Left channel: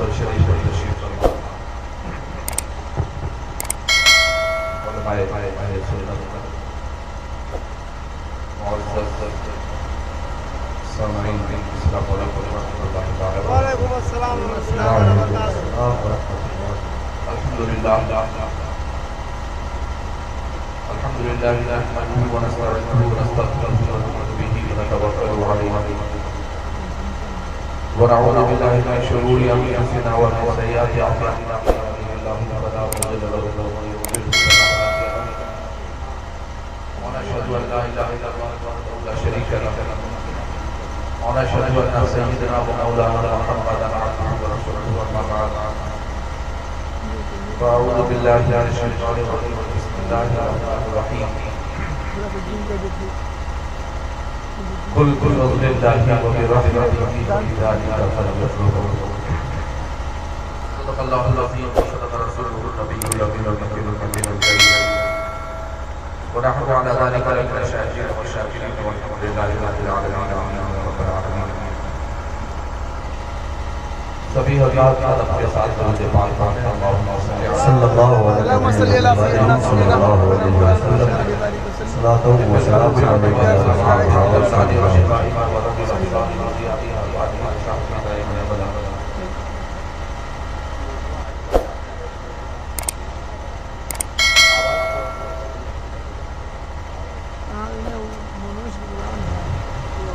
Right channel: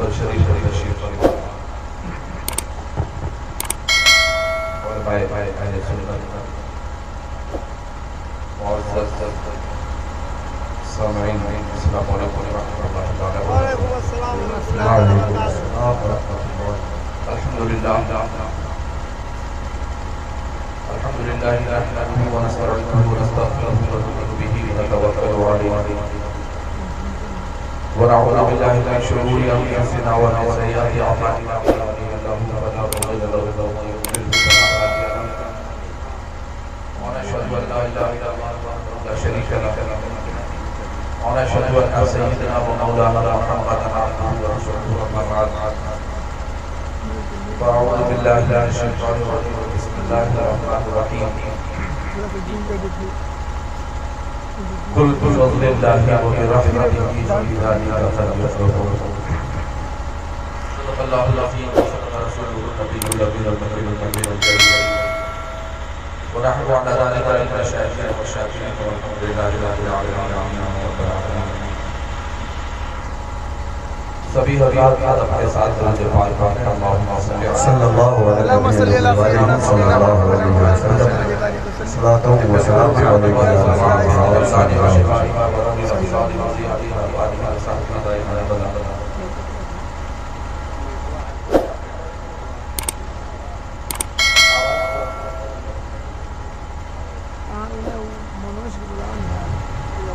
پر شریف و تشریف فرما علماء سنت معزز سامعین السلام علیکم ورحمۃ اللہ تعالی وعلیکم السلام ورحمۃ اللہ الحمدللہ نحمده ونستعينه ونستغفره ونؤمن به ونتوكل عليه ونعوذ بالله من شرور انفسنا ومن سيئات اعمالنا من يهده الله فلا مضل له ومن يضلل فلا هادي له ونشهد ان لا اله الا الله وحده لا شريك له ونشهد ان سيدنا ومولانا محمدا عبده ورسوله اما بعد فاعوذ بالله من الشيطان الرجيم بسم الله الرحمن الرحيم قل بفضل الله وبرحمته فبذلك فليفرحوا صدق الله العظيم وصدق رسوله النبي الامين المكي الامين الكريم ونحن على ذلك من الشاهدين والشاكرين والحمد لله رب العالمين آمين رب العالمين سبھی حضرات آج اپنے ساتھ درود پاک پڑھیں صلی اللہ علیہ وسلم صلاۃ و سلام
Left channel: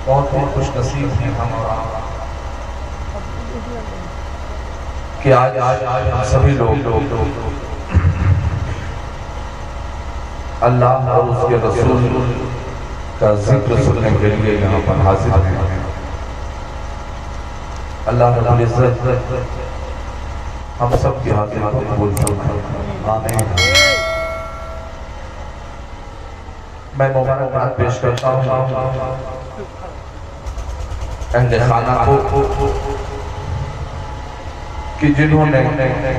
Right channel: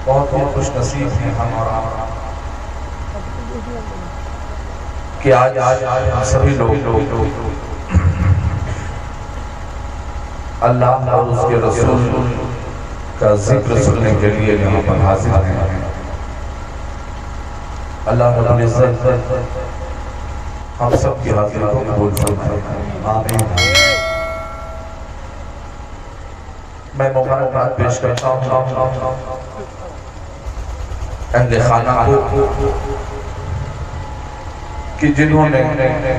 بہت ہی خوش نصیب ہیں ہم اور آپ کہ آج ہم سبھی لوگ اللہ اور اس کے رسول کا ذکر سننے کے لیے یہاں پر حاضر ہیں اللہ رب العزت ہم سب کی حاضری کو قبول فرمائے آمین میں مبارکباد پیش کرتا ہوں اہل خانہ کو کہ جنہوں نے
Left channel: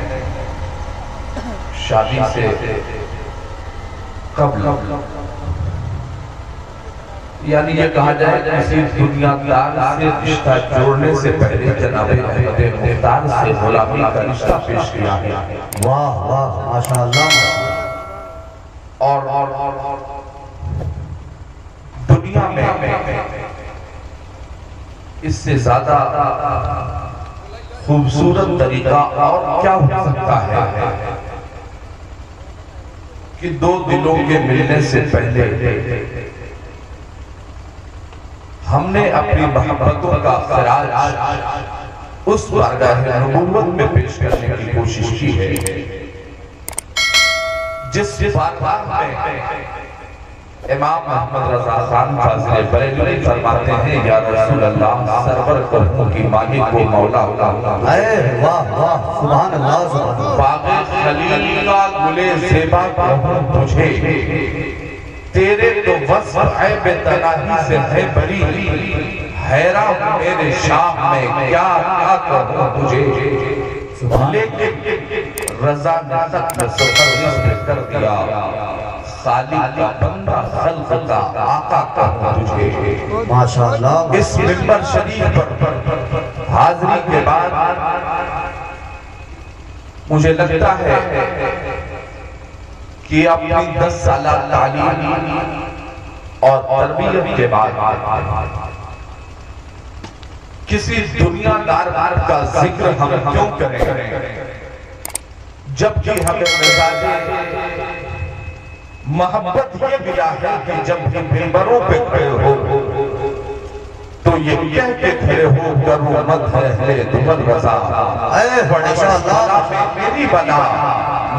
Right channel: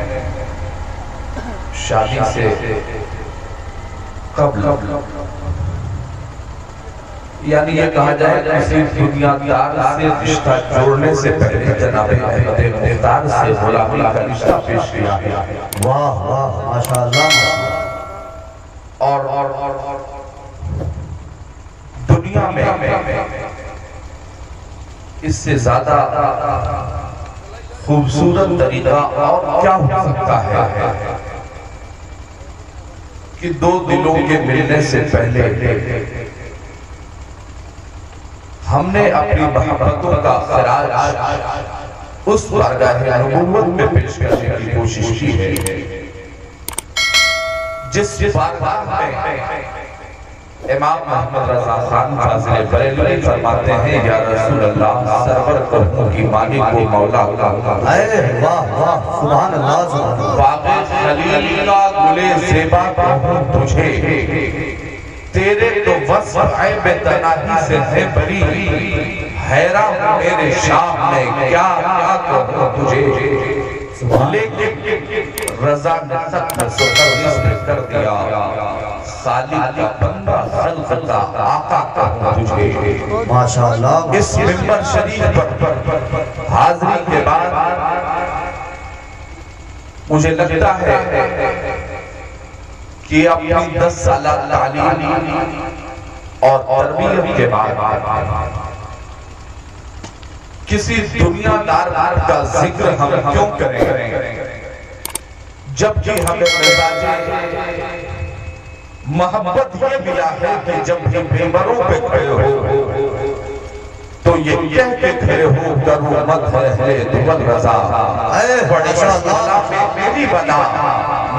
شادی سے قبل یعنی یہ کہا جائے کسی دنیا دار سے رشتہ جوڑنے سے پہلے جناب احمد مختار سے غلامی کا رشتہ پیش کیا ہے واہ واہ ماشاءاللہ اور دنیا میں اس سے زیادہ خوبصورت طریقہ اور کیا ہو سکتا ہے کہ دو دلوں کے ملنے سے پہلے ہم نے اپنی محبتوں کا خراج اس بارگاہ نبوت میں پیش کرنے کی کوشش کی ہے جس بارگاہ میں امام محمد رضا خان فاضل بریلوی فرماتے ہیں یا رسول اللہ سرور قوموں کی مالک و مولا اے واہ واہ سبحان اللہ باغ خلیل کا گلے زیبا کہوں تجھے تیرے تو وصف عیب تناہی سے ہے بری حیران میرے شاہ نے کیا کیا کہوں تجھے لیکن رضا نے ختم سفر نے کر دیا خالق کا بندہ خلق کا آقا کہوں تجھے ماشاءاللہ اس منبر شریف پر حاضری کے بعد مجھے لگتا ہے کہ اپنی 10 سالہ تعلیم اور تربیت کے بعد کسی دنیا دار کا ذکر ہم کیوں کریں جبکہ ہمیں مزاج محبت یہ ملا ہے کہ جب ہم ممبروں پہ کھڑے ہو تو یہ کہہ کے کھڑے ہو کرو مت ہے اہل دبل رضا اے بڑے بڑا میری بنا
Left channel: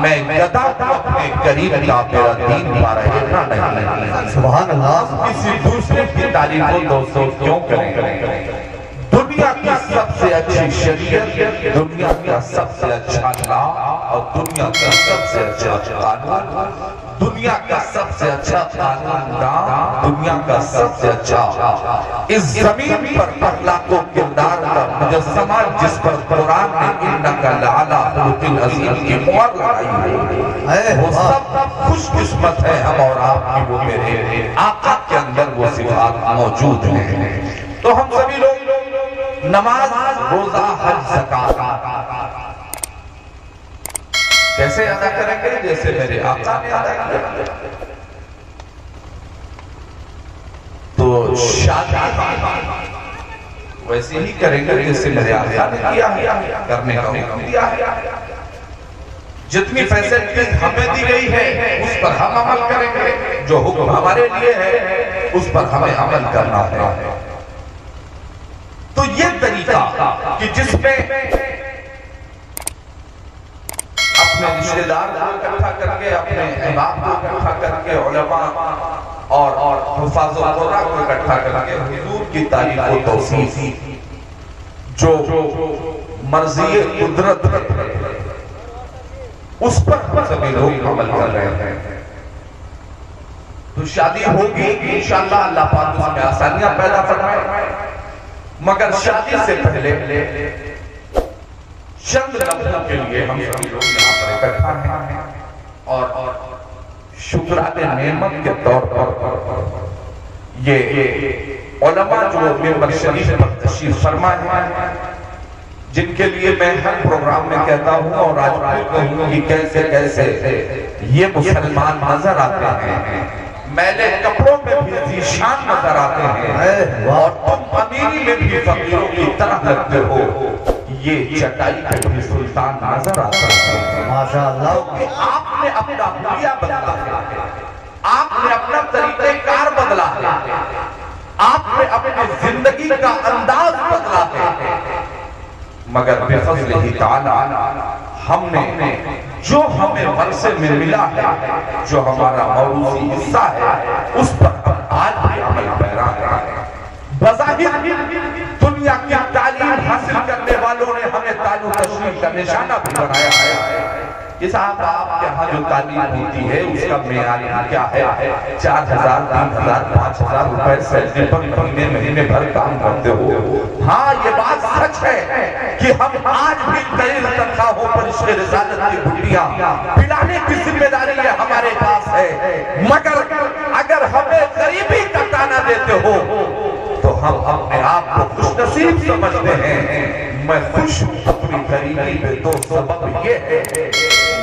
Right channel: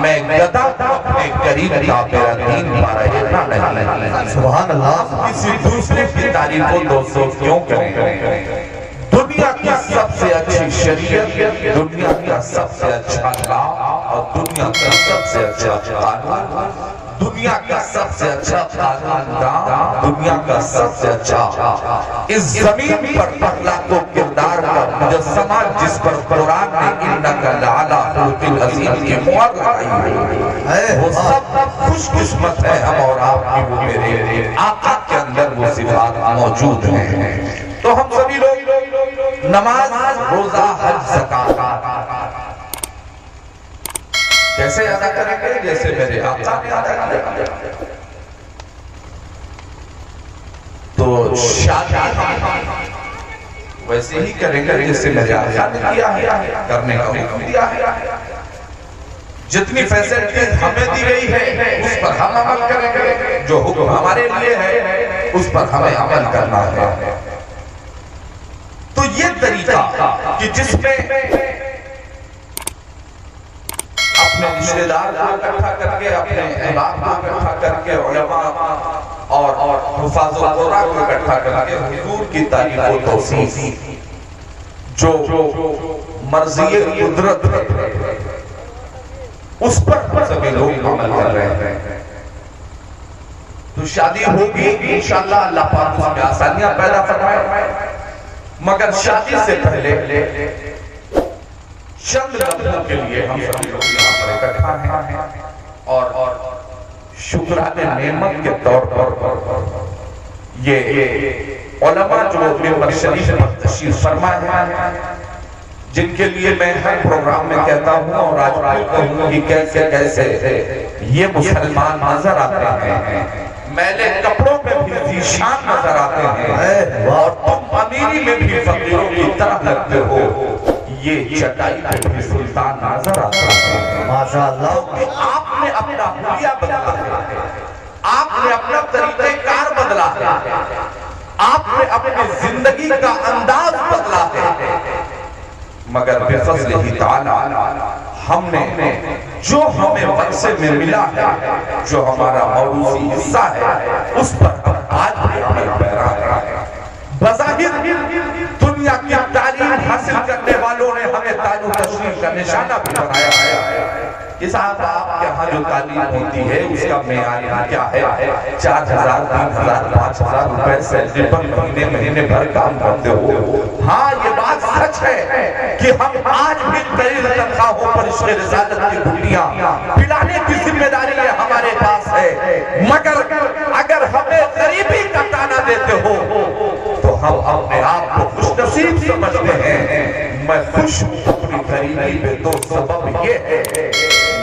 میں گدا اپنے قریب کا میرا دین لا رہے نہیں سبحان اللہ کسی دوسرے کی تعلیم کو دوستوں کیوں کریں دنیا کی سب سے اچھی شریعت دنیا کا سب سے اچھا لا اور دنیا کا سب سے اچھا قانون دنیا کا سب سے اچھا خاندان دنیا کا سب سے اچھا اس زمین پر پہلا کو کردار کا مجسمہ جس پر قرآن نے انک لعلی خلق عظیم کی مہر لگائی ہے وہ سب خوش قسمت ہے ہم اور آپ کی وہ میرے آقا کے اندر وہ صفات موجود ہیں تو ہم سبھی لوگ نماز روزہ حج زکات کیسے ادا کریں گے؟ جیسے میرے آقا نے ادا کیا. تو شادی ویسے ہی کریں گے جیسے میرے آقا نے کیا ہے، کرنے کا حکم دیا ہے. جتنی فیسلٹیز ہمیں دی گئی ہے اس پر ہم عمل کریں گے، جو حکم ہمارے لیے ہے اس پر ہمیں عمل کرنا ہے. تو یہ طریقہ کہ جس میں اپنے رشتہ دار کو اکٹھا کر کے، اپنے احباب کو اکٹھا کر کے، علماء اور حفاظ القرآن کو اکٹھا کر کے حضور کی تعلیم و توصیف، جو مرضی قدرت اس پر سبھی لوگ عمل کر رہے ہیں. تو شادی ہوگی انشاءاللہ، اللہ پاک اس میں آسانیاں پیدا فرمائے. مگر شادی سے پہلے چند لمحوں کے لیے ہم سبھی لوگ یہاں پر اکٹھا ہیں اور شکرانے نعمت کے طور پر یہ علماء جو ممبر شریف پر تشریف فرما ہیں، جن کے لیے میں ہر پروگرام میں کہتا ہوں اور آج بھی کہوں کہ کیسے کیسے یہ مسلمان نظر آتے ہیں، میلے کپڑوں میں بھی ذیشان نظر آتے ہیں، اور تم امیری میں بھی فقیروں کی طرح لگتے ہو، یہ چٹائی پہ بھی سلطان نظر آتے ہیں. ماشاءاللہ. آپ نے اپنا حلیہ بدلا ہے، آپ نے اپنا طریقہ کار بدلا ہے، آپ نے اپنی زندگی کا انداز بدلا ہے. مگر بفضلہ تعالی ہم نے جو ہمیں ورثے میں ملا ہے، جو ہمارا موروثی حصہ ہے، اس پر آج بھی عمل پیرا ہے. بظاہر دنیا کی تعلیم حاصل کرنے والوں نے ہمیں تعلیم تشریف کا نشانہ بھی بنایا ہے. یہ صاحب آپ کے ہاں جو تعلیم ہوتی ہے اس کا معیار کیا ہے؟ 4,000 3,000 5,000 روپے سیلری پر مہینے بھر کام کرتے ہو. ہاں یہ بات سچ ہے کہ ہم آج بھی قریب تنخواہوں پر عشق رسالت کی گھٹیاں پلانے کی ذمہ داری ہے ہمارے پاس ہے. مگر اگر ہمیں غریبی کا تانا دیتے ہو تو ہم اپنے آپ کو خوش نصیب سمجھتے ہیں. میں خوش ہوں اپنی غریبی پہ، تو سبب یہ ہے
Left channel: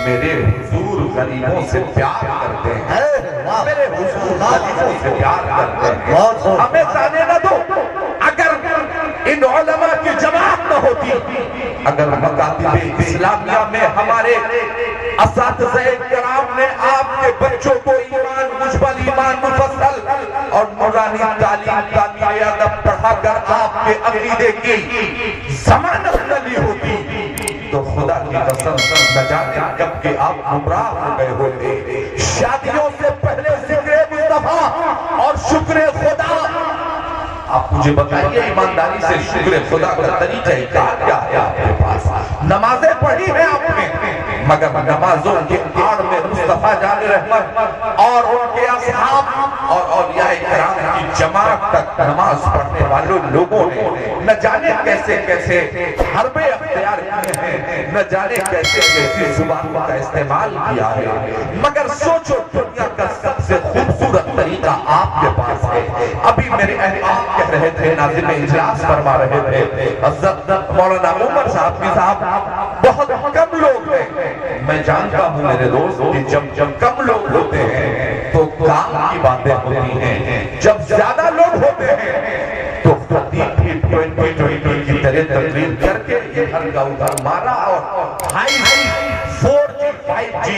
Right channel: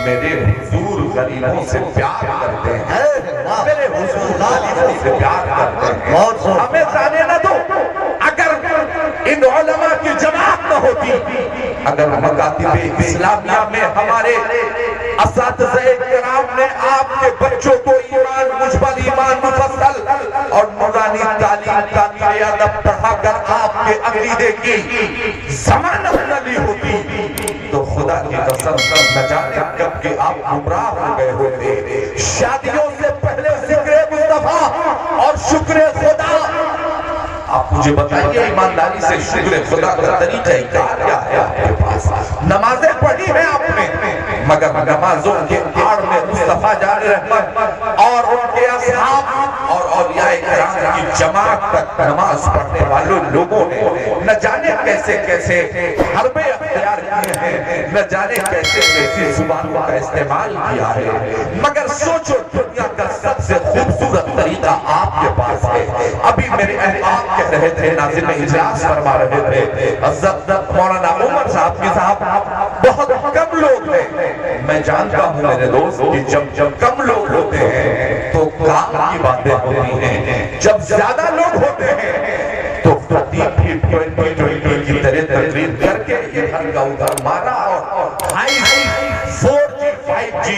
میرے حضور غریبوں سے پیار کرتے ہیں، میرے حضور غریبوں سے پیار کرتے ہیں. ہمیں جانے نہ دو. اگر ان علماء کی جماعت نہ ہوتی، اگر مکاتب اسلامیہ میں ہمارے اساتذہ کرام نے آپ کے بچوں کو ایمان مجمل، ایمان مفصل اور نورانی تعلیم تعمیر ادب پڑھا کر آپ کے عقیدے کی ضمانت نہ لی ہوتی، تو خدا کی قسم نہ جانے کب کہ آپ گمراہ ہو گئے ہوتے. شادیوں سے پہلے ذکر مصطفیٰ اور شکر خدا. آپ مجھے بتائیے ایمانداری سے شکر خدا کا طریقہ کیا ہے آپ کے پاس؟ نمازیں پڑھی ہیں آپ نے، مگر نمازوں کے آڑ میں مصطفیٰ جان رحمت اور ان کے اصحاب اور اولیاء کرام کی جماعت تک نماز پڑھنے والوں لوگوں نے نہ جانے کیسے کیسے حربے اختیار کیے ہیں، نہ جانے کیسے کیسے زبانوں کا استعمال کیا ہے. مگر سوچو دنیا کا سب سے خوبصورت طریقہ آپ کے پاس ہے. ابھی میرے احباب کہہ رہے تھے، ناظم اجلاس فرما رہے تھے، حضرت مولانا عمر صاحب کی صاحب بہت کم لوگ ہیں. میں جانتا ہوں میرے دوست کہ جب کم لوگ ہوتے ہیں تو کام کی باتیں ہوتی ہیں، جب زیادہ لوگ ہوتے ہیں تو 20 کی طرح تقریر کر کے ادھر کا ادھر مارا اور 4G 5G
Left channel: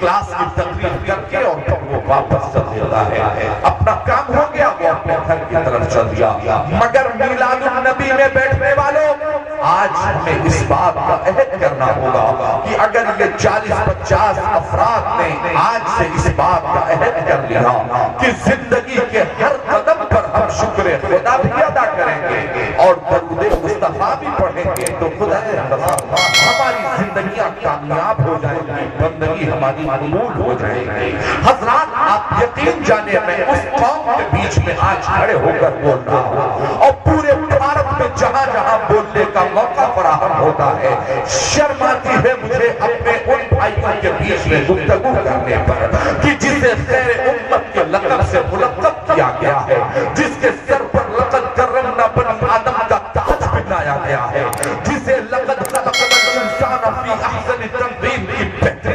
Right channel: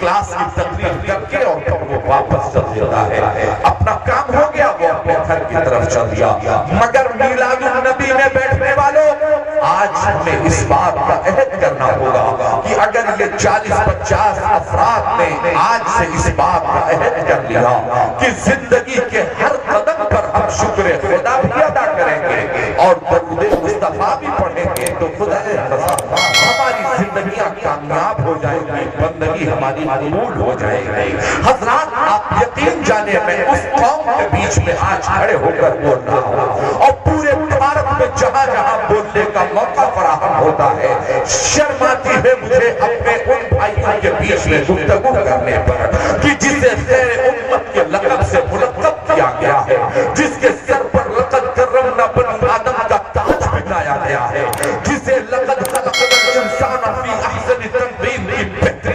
کلاس کی تقریر کر کے اور پھر وہ واپس چل دیتا ہے. اپنا کام ہو گیا، وہ اپنے گھر کی طرف چل دیا. مگر میلاد النبی میں بیٹھنے والوں، آج ہمیں اس بات کا عہد کرنا ہوگا کہ اگر یہ 40-50 افراد نے آج سے اس بات کا عہد کر لیا کہ زندگی کے ہر قدم پر ہم شکر خدا بھی ادا کریں گے اور درود مصطفیٰ بھی پڑھیں گے، تو خدا ہماری زندگیاں کامیاب ہو جائیں گی، بندگی ہماری قبول ہو جائے گی. حضرات آپ یقین جانے، میں اس قوم کے بیچ میں آج کھڑے ہو کر بول رہا ہوں اور پورے بھارت میں جہاں جہاں بولنے کا موقع فراہم ہوتا ہے، شرم آتی ہے مجھے اپنے ان بھائیوں کے بیچ میں گفتگو کرنے پر کہ جسے خیر امت کے لقب سے ملقب کیا گیا ہے، جس کے سر پر لقد کرمنا بنی آدم کا تاج بٹھایا گیا ہے، جسے لقد خلقنا الانسان فی احسن تقویم کی بہترین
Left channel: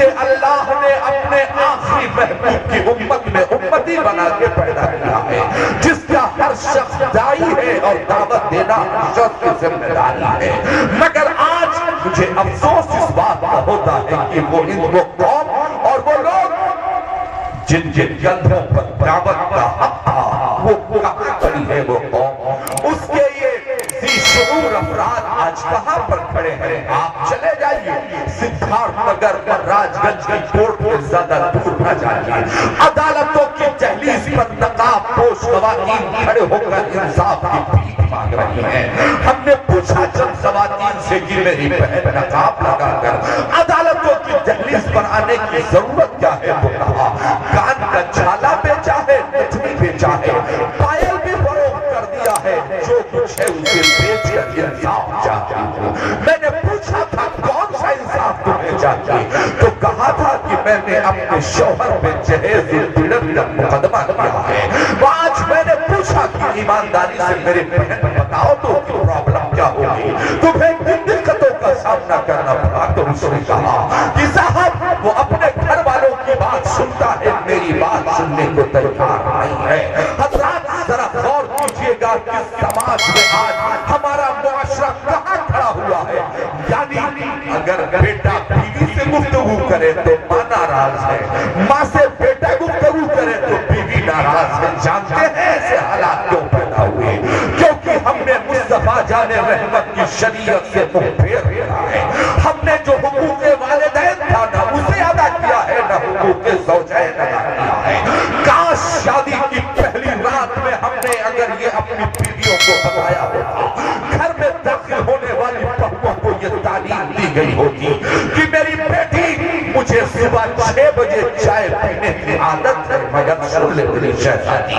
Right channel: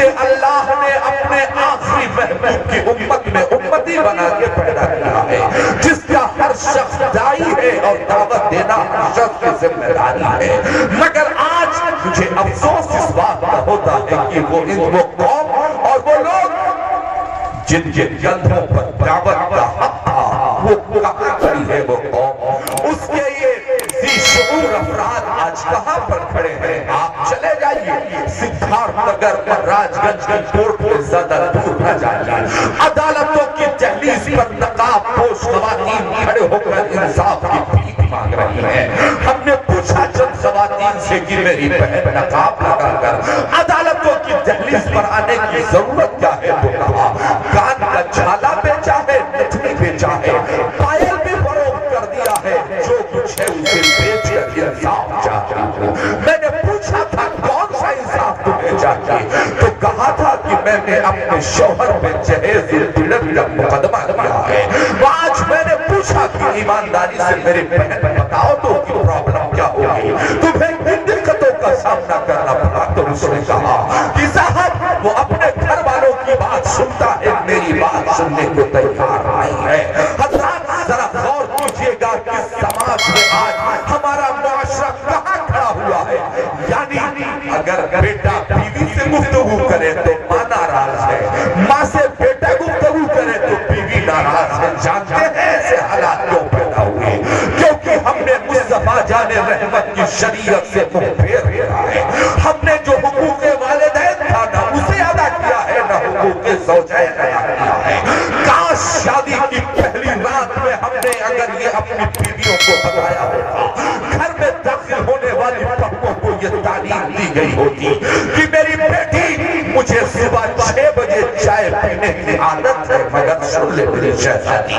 جسے اللہ نے اپنے آخری محبوب کی امت میں امتی بنا کے پیدا کیا ہے، جس کا ہر شخص دائی ہے اور دعوت دینا ہر شخص کی ذمہ داری ہے۔ مگر آج مجھے افسوس اس بات کا ہوتا ہے کہ وہ قوم اور وہ لوگ جن کے کندھوں پر دعوت کا حق تھا وہ کہاں کھڑی ہے وہ قوم، اس کے یہ ذی شعور افراد آج کہاں پر کھڑے ہیں؟ آپ چلے جائیے سدھارتھ نگر اور راج گنج کی کوٹ میں زیادہ دور نہ جائیے، عدالتوں کی دہلیز پر نقاب پوش خواتین کھڑے ہو کر انصاف کی بھیک مانگ رہی ہیں۔ ہم نے پوچھا چند خواتین سے کہ میری بہن نقاب لگا کر عدالتوں کی دہلیز پر آنے کی ضرورت کیا ہے؟ تو کہا کان کا چھالا بیچا ہے، نتنی بیچا ہے، پائل بھی فروخت کر دیا ہے، جو کچھ ہے اسے بیچ کر انصاف چاہتی ہوں۔ میں نے پوچھا تھا کون سا انصاف تمہیں چاہیے؟ تو کہا تھا کہ میں نے اپنے شوہر میں جہیز دلت کا مقدمہ کیا ہے۔ آج میں نے پوچھا کہ ایمانداری سے میرے بہن بتاؤ تو کی پرابلم کیا ہوگی، تمہیں کن دقتوں کا سامنا کرنا پڑا؟ تو اس نے کہا کہ صاحب وہ اپنے گھر والوں کی بات سنتا ہے، میری بات سننے کو تیار نہیں ہے۔ حضرات ذرا غور کیجئے گا کہ سماج میں آج ہمارا معاشرہ کہاں کھڑا ہوا ہے۔ یعنی اگر بیٹا بیوی سے گفتگو کرے تو ماں ناراض ہے، ماں سے بیٹا گفتگو کرے تو بیوی ناراض ہے۔ جانتے ہیں ایسے حالات کیوں پیدا ہوئے؟ کیونکہ ہم نے مصطفیٰ جان رحمت کی شریعت سے منہ پھیر لیا ہے۔ ہم نے جو حقوق والدین تھا نہ اسے ادا کیا ہے، نہ حقوق زوجین ادا کیا ہے۔ کاش شادی کی پہلی رات میں ہم نے اگر یہ اپنی بیویوں کو بتایا ہوتا، گھر میں داخل ہونے والی بہوؤں کو یہ تعلیم دی گئی ہوتی کہ میری بیٹی مجھے صبح 6 بجے چائے پینے کی عادت ہے، مگر سن لے میری شہزادی،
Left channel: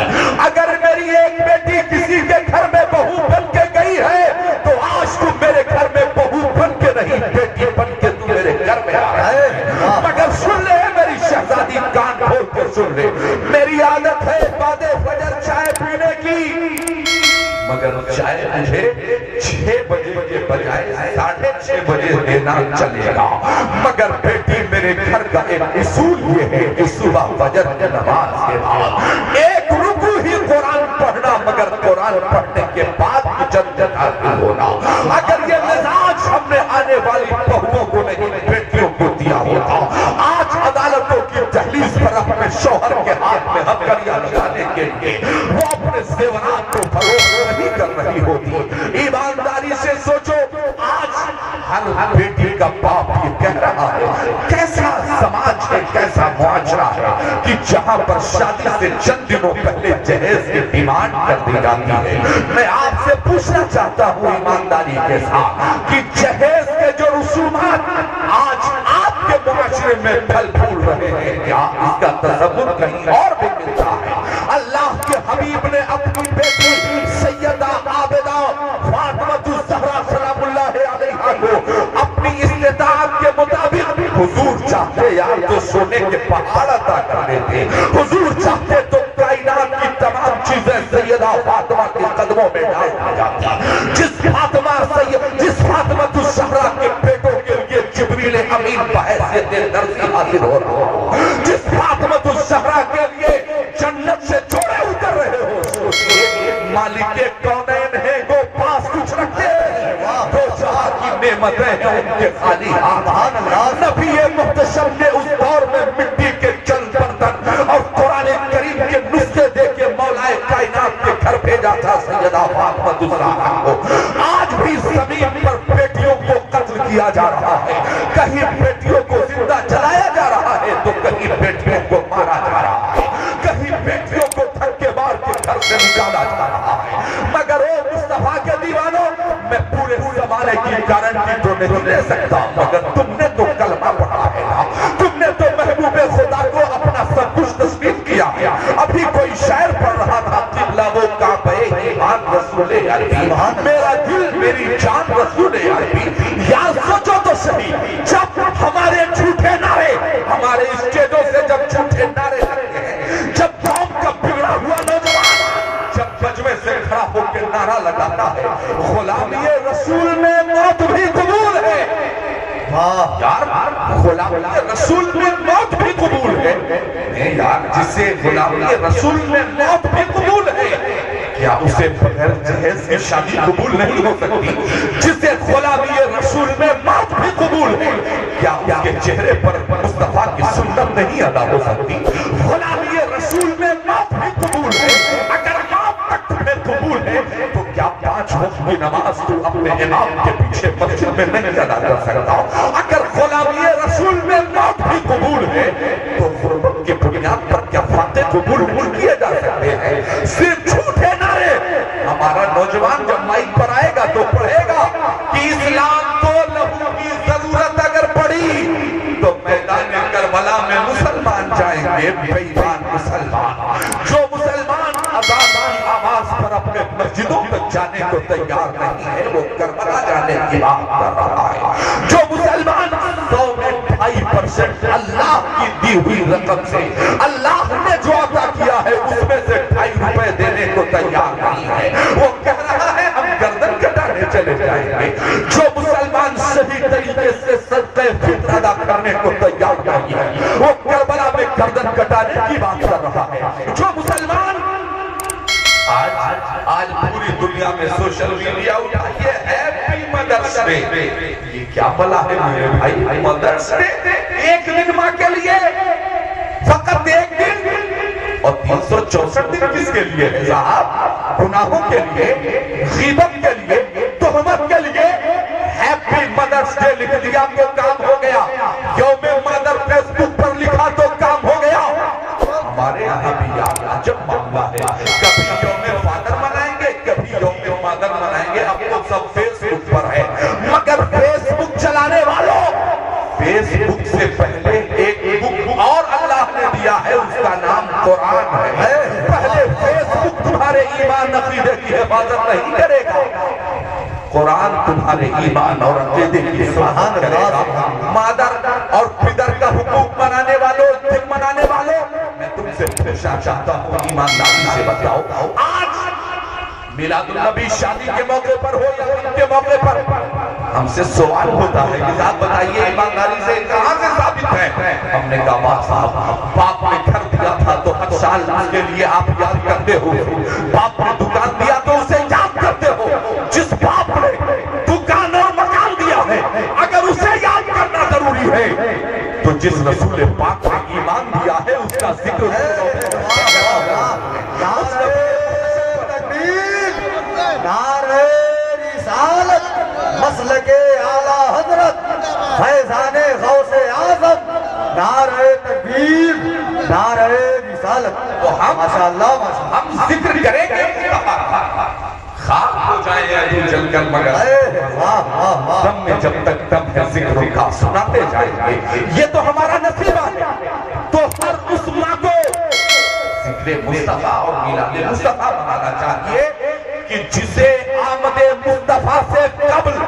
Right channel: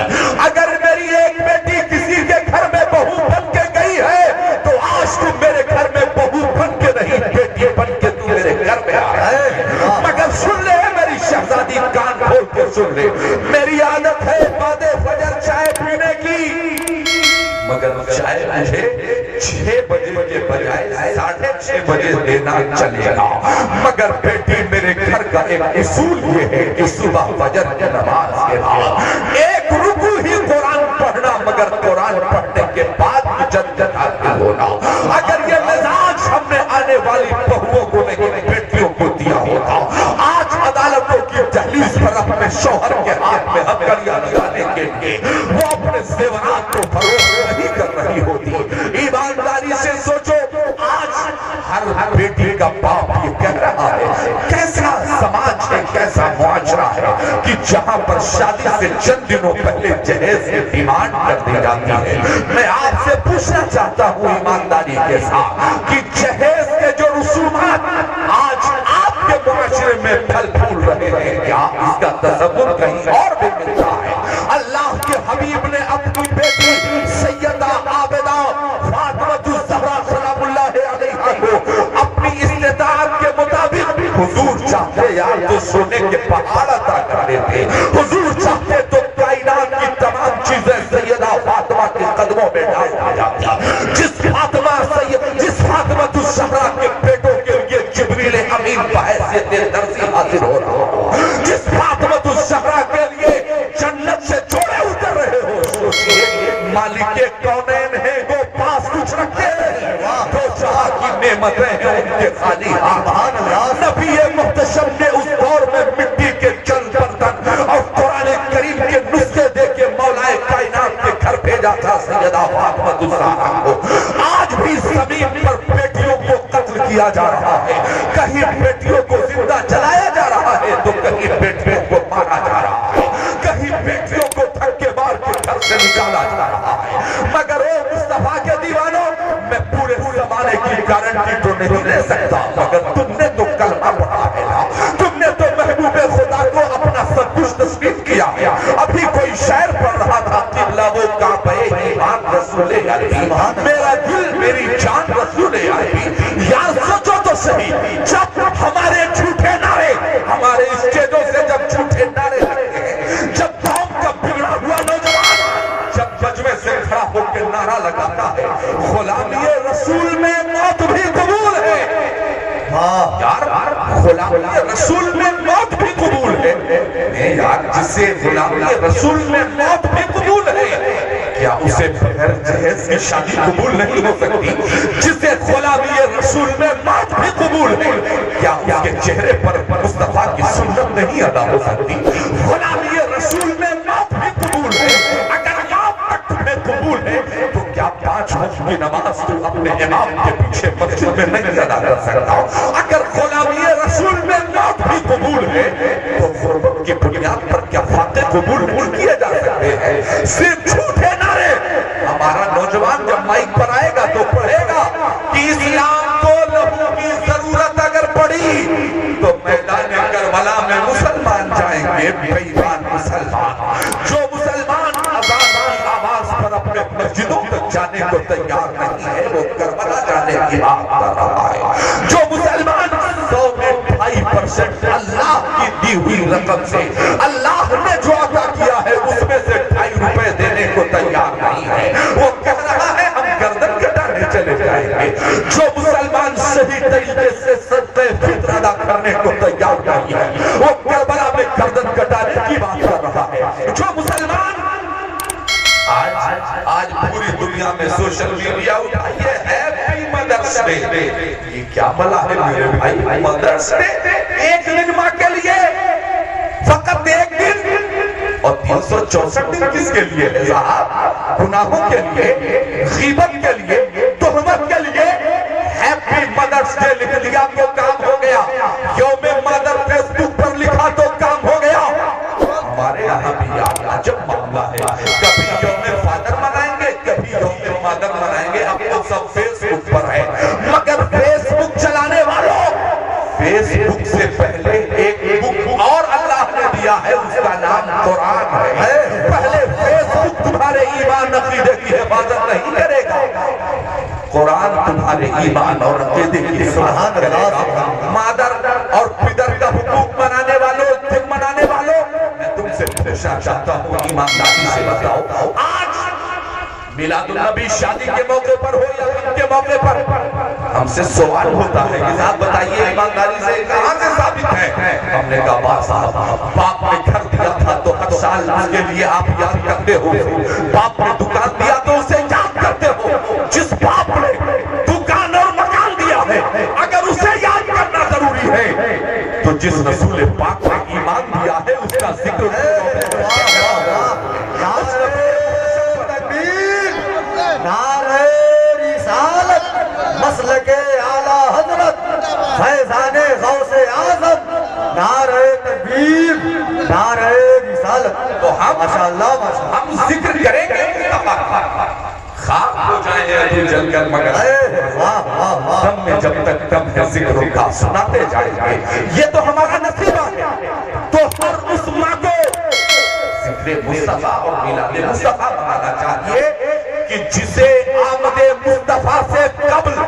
اگر میری ایک بیٹی کسی کے گھر میں بہو بن کے گئی ہے تو آج تم میرے گھر میں بہو بن کے نہیں، بیٹی بن کے تم میرے گھر میں آ رہا ہے۔ مگر سن لے میری شہزادی، کان کھول کے سن لے، میری عادت ہے بعد فجر چائے پینے کی، مگر چائے مجھے 6 بجے کے بجائے 6:30 بجے دینا چلے گا۔ مگر بیٹی میرے گھر کا ایک اصول یہ ہے کہ صبح فجر کی نماز کے بعد ایک رکوع ہی قرآن پڑھنا، مگر قرآن پڑھنے کے بعد مجدد حاصل ہونا۔ اگر یہ مزاج ہم نے آنے والی بہوؤں کو نہیں بیٹیوں کو دیا ہوتا، آج عدالتوں کی دہلیز پر اپنے شوہر کے ہاتھ میں ہتھکڑیاں لگانے کے لیے وہ اپنے زیورات کو فروخت نہیں کر رہی ہوتی۔ ایمانداری سے سوچو، آج ہر بیٹی کا باپ یہ کہہ رہا ہے، کیسا سماج ہے، کیسا معاشرہ ہے کہ جہاں پر شادی سے چند دنوں پہلے جہیز کی ڈیمانڈ کر دی جاتی ہے۔ میں آپ سے پوچھنا چاہتا ہوں ایمانداری کے ساتھ کہ جہیز کے جو رسومات آج آپ کے معاشرے میں پھل پھول رہے ہیں، کیا اس کا تصور کہیں اور بھی ملتا ہے؟ اللہ کے حبیب نے اپنی بیٹی سیدہ عابدہ فاطمہ الزہرا سلام اللہ علیہا کو اپنی استطاعت کے مطابق حضور چاہتے یا تو سونے کے پہاڑ عطا کر دیتے، حضور چاہتے تو کائنات کی تمام چیزیں سیدہ فاطمہ کے قدموں میں ڈال دی جاتی۔ جس فاطمہ الزہرا کے بیٹوں کے لیے جبریل امین بحیثیت درسی حاصل ہو رہا ہو، جس فاطمہ الزہرا کے لیے جنت سے جوڑے اتر رہے ہو، سوچئے مالک کونین ہے وہ پاس کچھ رکھے تو جہاں کی نعمتیں ہیں ان کے خالی ہاتھ۔ نبی محتشم نے اس دور میں مٹی کے چند برتن اور قرآن کریم کے نسخے دے کے مولا کائنات کے گھر بھیجا تھا سیدہ فاطمہ الزہرا کو۔ آج بھی زمین پر بیٹیوں کو قتل کیا جا رہا ہے، کہیں بیٹیوں کو زندہ جلایا جا رہا ہے تو کہیں بیٹیوں کو مارا جا رہا ہے، کہیں بیٹیوں کو دھکے مار کے گھر سے نکالا جا رہا ہے۔ مگر او مصطفیٰ کے دیوانوں، میں پورے زمانے کی گارنٹی تو نہیں دے سکتا، مگر تم نے تو کلمہ پڑھا ہے نا، تم نے تو محبوب خدا کو اپنا سب کچھ تسلیم کیا ہے۔ ابھی کوئی شاعر پڑھ رہا تھا، قبلہ وہ کعبہ ایمان رسول عربی، میرا دل میری جان رسول عربی۔ یا سوچو تو صحیح، جب ہمارے جھوٹے نعرے، ہمارے اسٹیجوں سے جب جھوٹے نعرے لگتے ہیں، جب قوم کا بگڑا ہوا نوجوان جب ججوے سے کھڑا ہو کے نعرہ لگاتا ہے غلامی رسول میں موت بھی قبول ہے، یار غلامی رسول میں موت بھی قبول ہے. نہیں یار، جسے غلامی رسول میں موت بھی قبول ہے، کیا اسے بغیر جہیز کی شادی قبول نہیں ہو سکتی؟ جسے غلامی رسول میں موت بھی قبول ہے، کیا اس کے چہرے پر مصطفیٰ کی سنت نہیں ادا ہو سکتی؟ غلامی رسول میں موت بھی قبول ہے. اگر یہاں تک تمہیں قبول ہے تو کیا 5 وقت کی نماز تو اپنے امام کے پیچھے مسجد میں نہیں ادا کر سکتا؟ اگر غلامی رسول میں موت بھی قبول ہے تو غربت کی بنیاد پر کیا فاتح قبول نہیں کیے جا سکتے ہیں؟ صرف جھوٹے نعرے. ہمارا نوجوان جب مائک پر آئے گا تو پڑھے گا کہ اسلام کو لہو کی ضرورت اگر پڑی تو میدان کربلا میں مسلمان جائیں گے. بے ایمان مسلمان جو مسلمان اذان کی آواز پر اپنے مسجدوں تک جانے کو تیار نہیں ہے، وہ کربلا جانے کی بات کر رہا ہے. جو مسلمان 100 میں 2.5% اللہ کی دی ہوئی رقم سے اللہ نے جو عطا کیا ہے اس میں سے 2.5 روپے دینے کو تیار نہیں ہے، وہ کہہ رہا ہے ہم گردن کٹانے چلے جائیں گے. جو مسلمان صحیح طریقے سے صدقہ فطر ادا کرنے کو تیار نہیں ہے، وہ کربلا میں گردن کٹانے کی بات کر رہا ہے. جو مسلمان آج پوری دنیا میں سوشل میڈیا اٹھائیے ہیپی مدرس ڈے، یہ کیا بلا ہے میرے بھائی؟ مدرس ڈے ایک دن ماں کے لیے، فقط ایک دن، اور 364 دن کس کے لیے ہے صاحب؟ گناہوں کے لیے، غیبت کے لیے، تہمت کے لیے. ہیپی مدرس ڈے لکھ دیا تو کام ہو گیا، یوم مادر فیس بک پر لکھا تو کام ہو گیا. ہمارے یہاں بھی یاد عجب معاملہ ہے، کبھی یوم فادر منائیں گے، کبھی یوم مادر منائیں گے. اب تو سب فیس بک پر ہے، مگر فیس بک چلانے والوں، فیس بک سے پہلے ایک بک اور اللہ نے دیا ہے، اس کا نام قرآن ہے. پہلے فیس بک تمہارے ایمان عقیدے کی حفاظت نہیں کرے گا، قرآن تمہارے ایمان اور عقیدے کی حفاظت کرے گا. مادر اور پدر کا حقوق منانے والوں، دن منانے والوں، میں تم سے پوچھنا چاہتا ہوں ایمانداری سے بتاؤ، آج میلاد النبی شادی کے موقع پر ہو یا غم کے موقع پر ہم سے سوال ہوتا ہے کہ آپ بتائیے ایمانداری سے کہاں سے ثابت ہے؟ ہم نے کہا باپ صاحب، باپ نے گھر دیا تھا تو ہر سال اس کے لیے آپ یاد کرتے ہو. باپ نے دکان دیا تو اسے یاد کرتے ہو. جس باپ نے دکان اور مکان دیا ہے اگر اسے یاد کرنا ضروری ہے تو جس رسول پاک نے ایمان دیا ہے اس کا ذکر ہے. مسلک اعلیٰ حضرت فیضان غوث اعظم، نعرہ تکبیر، نعرہ رسالت. تو ہم ذکر کریں گے، خاک ہو جائیں ابھی جل کر مگر دم میں جب تک دم ہے ذکر کا سناتے جائیں گے. یہ تو ہمارا نصیبہ ہے. تو ہر اس ماں کو ذکر مصطفیٰ اور میلاد مصطفیٰ بنانا چاہیے کہ جسے آمد مصطفیٰ سے قبل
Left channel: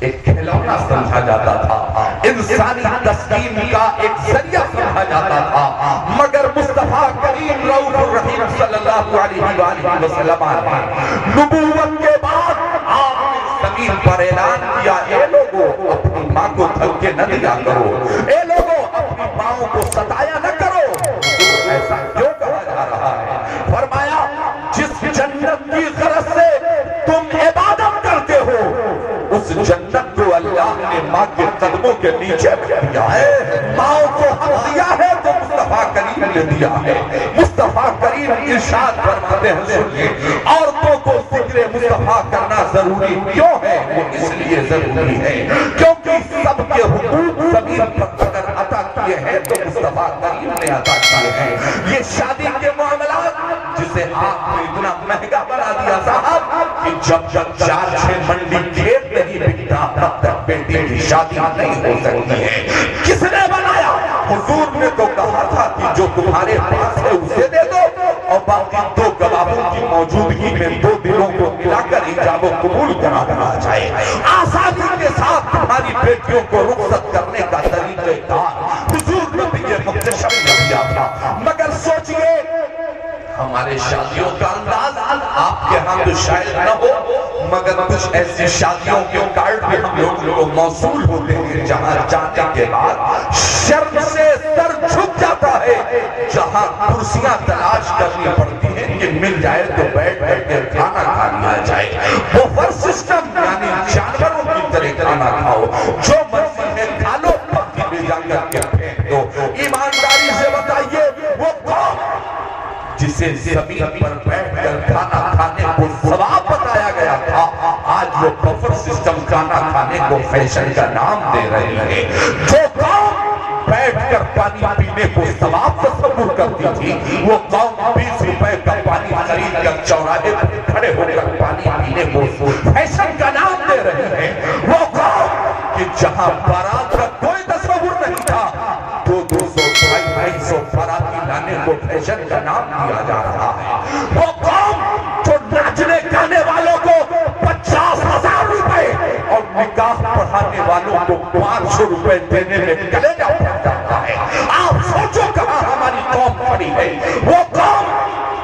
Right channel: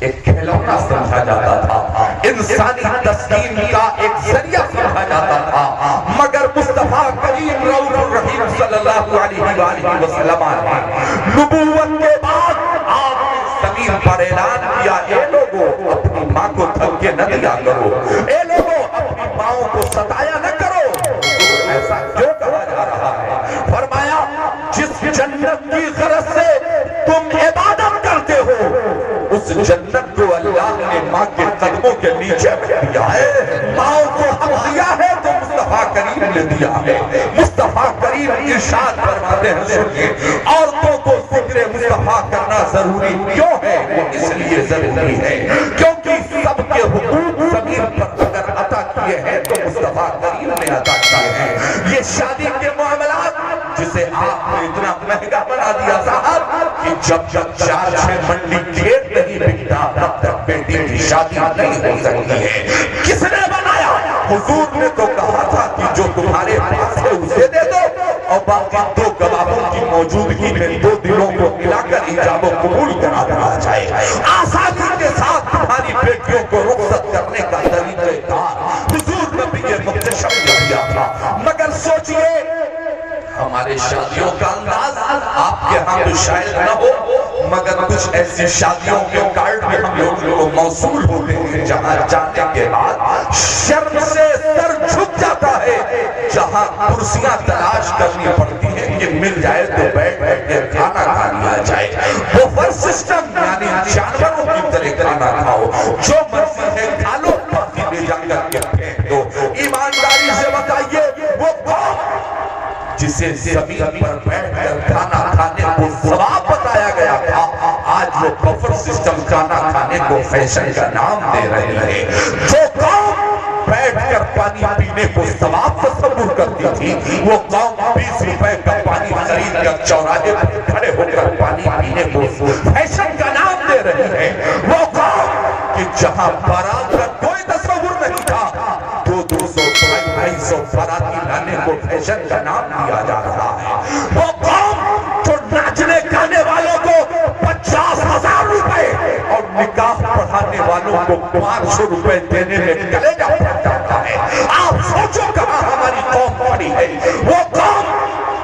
ایک کھلونا سمجھا جاتا تھا، انسانی تسکین کا ایک ذریعہ سمجھا جاتا تھا، مگر مصطفیٰ کریم رؤوف الرحیم صلی اللہ علیہ وآلہ وسلم نے نبوت کے بعد آپ زمین پر اعلان کیا، اے لوگوں اپنی ماں کو دھکے نہ دیا کرو، اے لوگوں اپنی ماں کو ستایا نہ کرو. ایسا کیوں کہا جا رہا ہے؟ فرمایا جس جنت کی غرض سے تم عبادت کرتے ہو اس جنت کو اللہ نے ماں کے قدموں کے نیچے دیا ہے. ماں کو حق دیا ہے تو مصطفیٰ کریم نے دیا ہے. مصطفیٰ کریم ارشاد فرماتے ہیں سنیے، عورتوں کو ذکر مصطفیٰ کرنا ضروری کیوں ہے؟ اس لیے ضروری ہے کیونکہ سب کے حقوق زمین پر اگر عطا کیے ہیں تو مصطفیٰ کریم نے عطا کیے ہیں. یہ شادی کے معاملات جسے آپ نے اتنا مہنگا بنا دیا صاحب کہ جب 4-6 منڈی کھیت نہیں بکتا تب تک بیٹی کی شادی نہیں ہو سکتی ہے. کس نے بنایا؟ حضور نے تو کہا تھا کہ جو تمہارے پاس ہے اسے دے دو اور باقی 2 گواہوں کی موجودگی میں 2 دنوں کو ملا کر ایجاب و قبول کرا دیا جائے. آسانی کے ساتھ تمہاری بیٹیوں کو رخصت کرنے کا طریقہ کار حضور نے بھی یہ مختصر دیا تھا. مگر سوچئے ہمارے شادیوں کا انداز آپ کے ہاں تو شاید نہ ہو، مگر کچھ ایسی شادیوں کے کارڈ بھی ہم لوگوں کو موصول ہوتے ہیں جہاں جانے کے بعد شرم سے سر جھک جاتا ہے، جہاں کرسیاں تلاش کرنی پڑتی ہیں کہ مل جائے تو بیٹھ بیٹھ کے کھانا کھا لیا جائے۔ بوفر سسٹم یعنی جانوروں کی طرح کھانا کھاؤ، جو مرضی ہے کھا لو، پتی لے جا کر کے پھینک دو۔ ایمانداری سے بتائیے وہ قوم جسے زمین پر بیٹھ کر کھانا کھانے کو ثواب بتایا گیا تھا، آج وہ بفر سسٹم کھانا کھانے کو فیشن کا نام دے رہی ہے۔ جو قوم بیٹھ کر پانی پینے کو ثواب تصور کرتی تھی، وہ قوم 20 روپے کا پانی خرید کر چوراہے پر کھڑے ہو کر پانی پینے کو فیشن کا نام دے رہی ہے۔ وہ قوم کہ جہاں بارات کا کوئی تصور نہیں تھا، 200 250 باراتی لانے کو فیشن کا نام دیا جا رہا ہے۔ وہ قوم جو ناچنے گانے والوں کو 50,000 روپے اور نکاح پڑھانے والوں کو 500 روپے دینے میں کلیجہ پھٹ جاتا ہے۔ آپ سوچو کہاں ہماری قوم کھڑی ہے۔ وہ قوم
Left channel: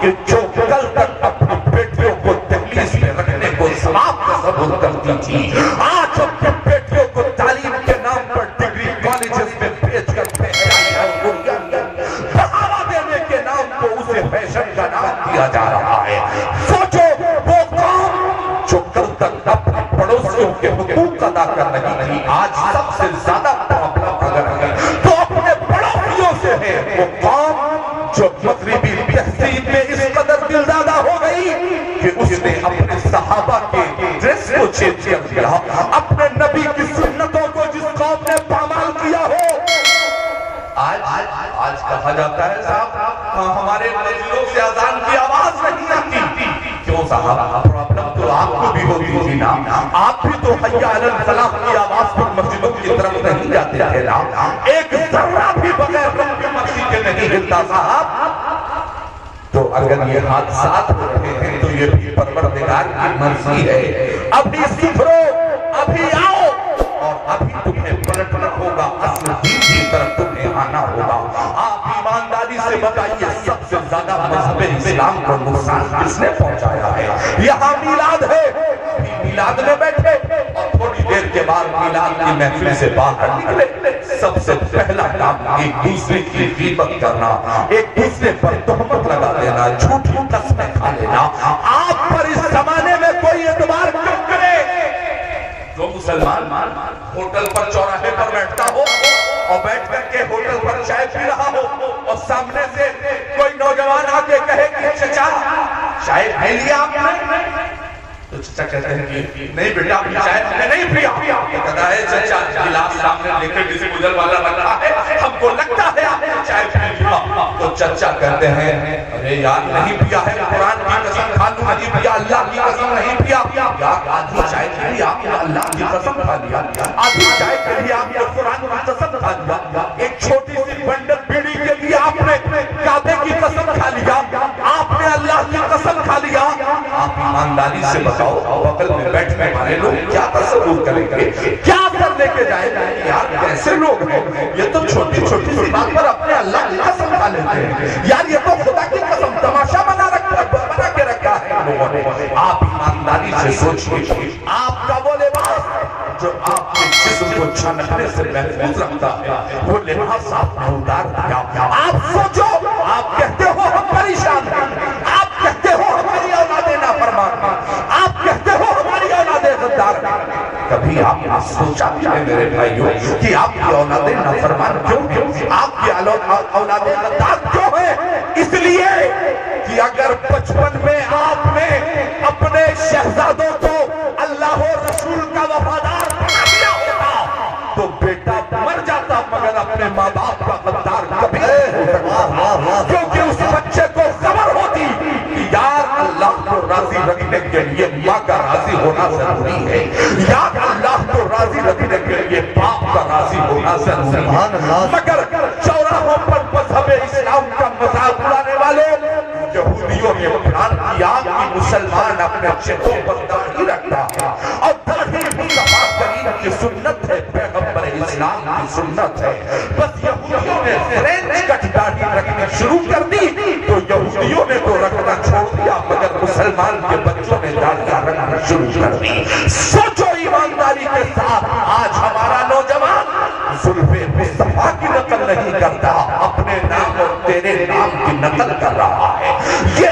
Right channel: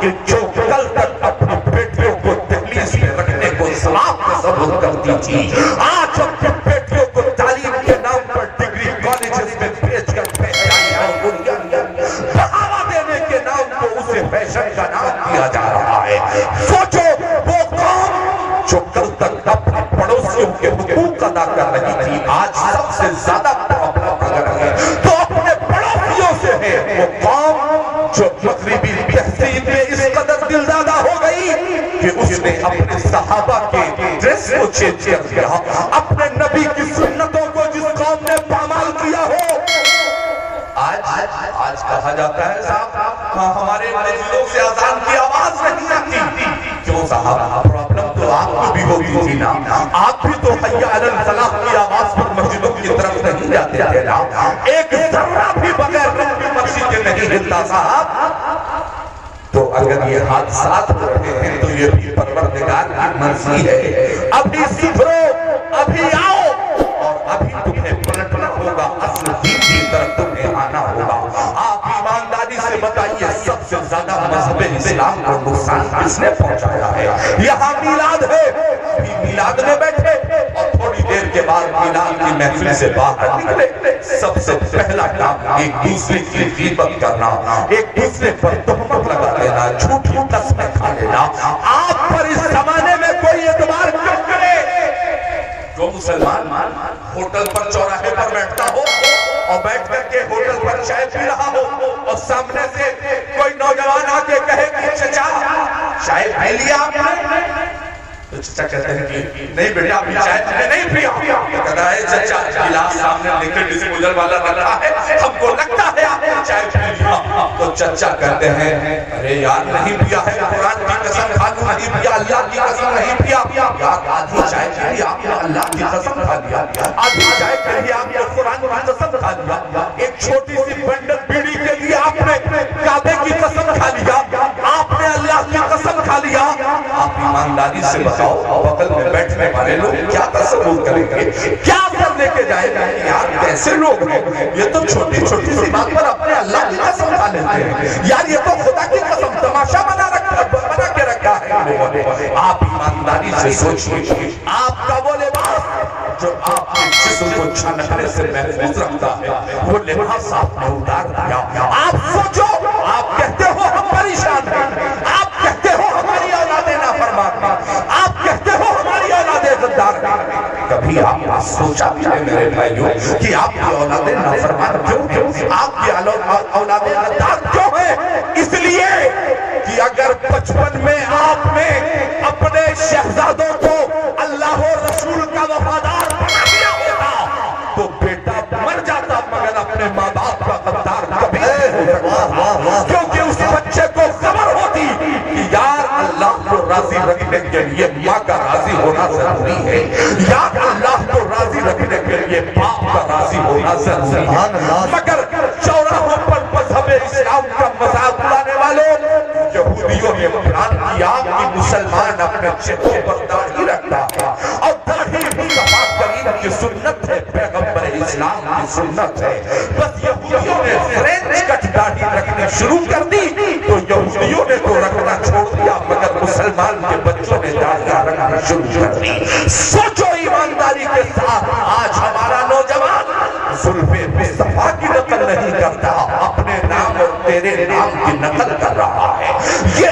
کہ جو کل تک اپنی بیٹیوں کو دہلیز میں رکھنے کو ثواب تصور کرتی تھی، آج اپنی بیٹیوں کو تعلیم کے نام پر ڈگری کالجز میں بھیج کر بڑھاوا دینے کے نام پر اسے فیشن کا نام دیا جا رہا ہے۔ سوچو وہ قوم جو کل تک اپنے پڑوسیوں کے حقوق ادا کر رہی تھی، آج سب سے زیادہ پرابلم اگر ہے تو اپنے پڑوسیوں سے ہے۔ وہ قوم جو مغربی تہذیب میں اس قدر دلدادہ ہو گئی کہ اس نے اپنے صحابہ کے ڈریس کو چینج کر دیا، اپنے نبی کی سنتوں کو جس قوم نے پامال کیا ہو۔ آج کہا جاتا ہے صاحب ہمارے مسجدوں سے اذان کی آواز نہیں آتی۔ کیوں صاحب؟ پرابلم تو آپ کو بھی ہوتی تھی نا، آپ بھی تو حی علی الفلاح کی آواز پر مسجدوں کی طرف نہیں جاتے تھے نا، ایک ذرہ بھی بغیر رب کی مرضی کے نہیں ہلتا صاحب۔ تو اگر یہ حادثات ہو رہے ہیں تو یہ بھی پروردگار کی مرضی ہے۔ ابھی سدھرو، ابھی آؤ، اور ابھی تمہیں پلٹنا ہوگا، اصل دین کی طرف تمہیں آنا ہوگا۔ آپ ایمانداری سے بتائیے سب سے زیادہ مذہب اسلام کو نقصان کس نے پہنچایا ہے؟ یہاں میلاد ہے، میلاد میں بیٹھے اور تھوڑی دیر کے بعد میلاد کی محفل سے باہر نکلے، سب سے پہلا کام ایک دوسرے کی غیبت کرنا، ایک دوسرے پر تہمت لگا دینا، جھوٹی قسمیں کھا لینا۔ آپ پر اس زمانے میں کوئی اعتبار کیوں کرے؟ جو مسلمان ہوٹل پر چوراہے پر بیٹھتا ہو اور بیٹھ کر کے ہوٹل پر چائے پی رہا ہو اور سامنے سے کوئی نوجوان آ کے کہے کہ چچا چائے پی لیا آپ نے؟ تو چچا کہتے ہیں کہ نہیں بیٹا اپنی چائے ہم نے نہیں پیا۔ کہتا ہے چچا گلاس سامنے لے کے ڈسپوزل والا رکھا ہے، ہم کو لگتا ہے آپ نے چائے پی لیا۔ تو چچا کہتے ہیں ارے یار نہیں پیا ہے، قرآن کی قسم کھا لوں نہیں پیا، اللہ کی قسم نہیں پیا۔ آدھی چائے کے لیے آپ نے اللہ کی قسم کھا لیا، آدھی چائے کے لیے آپ نے قرآن کی قسم کھا لیا، ایک چھوٹی سی بنڈل بیڑی کے لیے آپ نے کعبے کی قسم کھا لیا، آپ نے اللہ کی قسم کھا لیا۔ آپ ایمانداری سے بتاؤ بغل میں بیٹھنے والے لوگ کیا تصور کریں گے، کیا کر لے کے جائے گا؟ یار کیسے لوگ ہیں یہ، تو چھوٹی چھوٹی سی بات پر اپنے اللہ کی قسم کھا لیتے ہیں۔ یار یہ تو خدا کی قسم تماشا بنا کے رکھا ہے لوگوں نے۔ آپ ایمانداری سے سوچیے، آپ کا وہ لباس جو آپ کے جسم کو چھنکنے سے محفوظ رکھتا ہے، وہ لباس آپ نے اتار دیا۔ آپ سوچو، آپ کہتے ہو ہم پریشان ہیں، آپ کہتے ہو ہماری اولادیں نافرمان ہیں، آپ کہتے ہو ہماری اولادیں غدار ہیں۔ کبھی آپ نے سوچا بھی ہے میرے بھائیوں کہ آپ کی اولادیں نافرمان کیوں، آپ کی اولادیں غدار کیوں ہیں؟ اس لیے کہ اگر بچپن میں آپ نے اپنے شہزادوں کو اللہ و رسول کا وفادار بنا دیا ہوتا تو بیٹا مر جاتا، مگر اپنے ماں باپ کا غدار کبھی نہیں ہوتا، کیونکہ اس بچے کو خبر ہوتی کہ یار اللہ کو راضی رکھنے کے لیے ماں کا راضی ہونا ضروری ہے، یار اللہ کو راضی رکھنے کے لیے باپ کا راضی ہونا ضروری ہے۔ مگر چوراہوں پر مذہب اسلام کا مذاق اڑانے والوں یہودیوں نے بیان کیا کہ مسلمان اپنے چہرے پر داڑھی رکھتا ہے اور داڑھی بھی صحابہ کریم کی سنت ہے، پیغمبر اسلام کی سنت ہے۔ بس یہودیوں نے فرینچ کٹ داڑھی رکھنے شروع کر دی تو یہودیوں نے تو رکھنا چھوڑ دیا مگر مسلمان کے بچوں نے داڑیاں رکھنا شروع کر دی. سوچو ایمانداری کے ساتھ آج ہمارا نوجوان زلفے مصطفیٰ کی نقل نہیں کرتا, اپنے نام اور تیرے نام کی نقل کر رہا ہے. یہ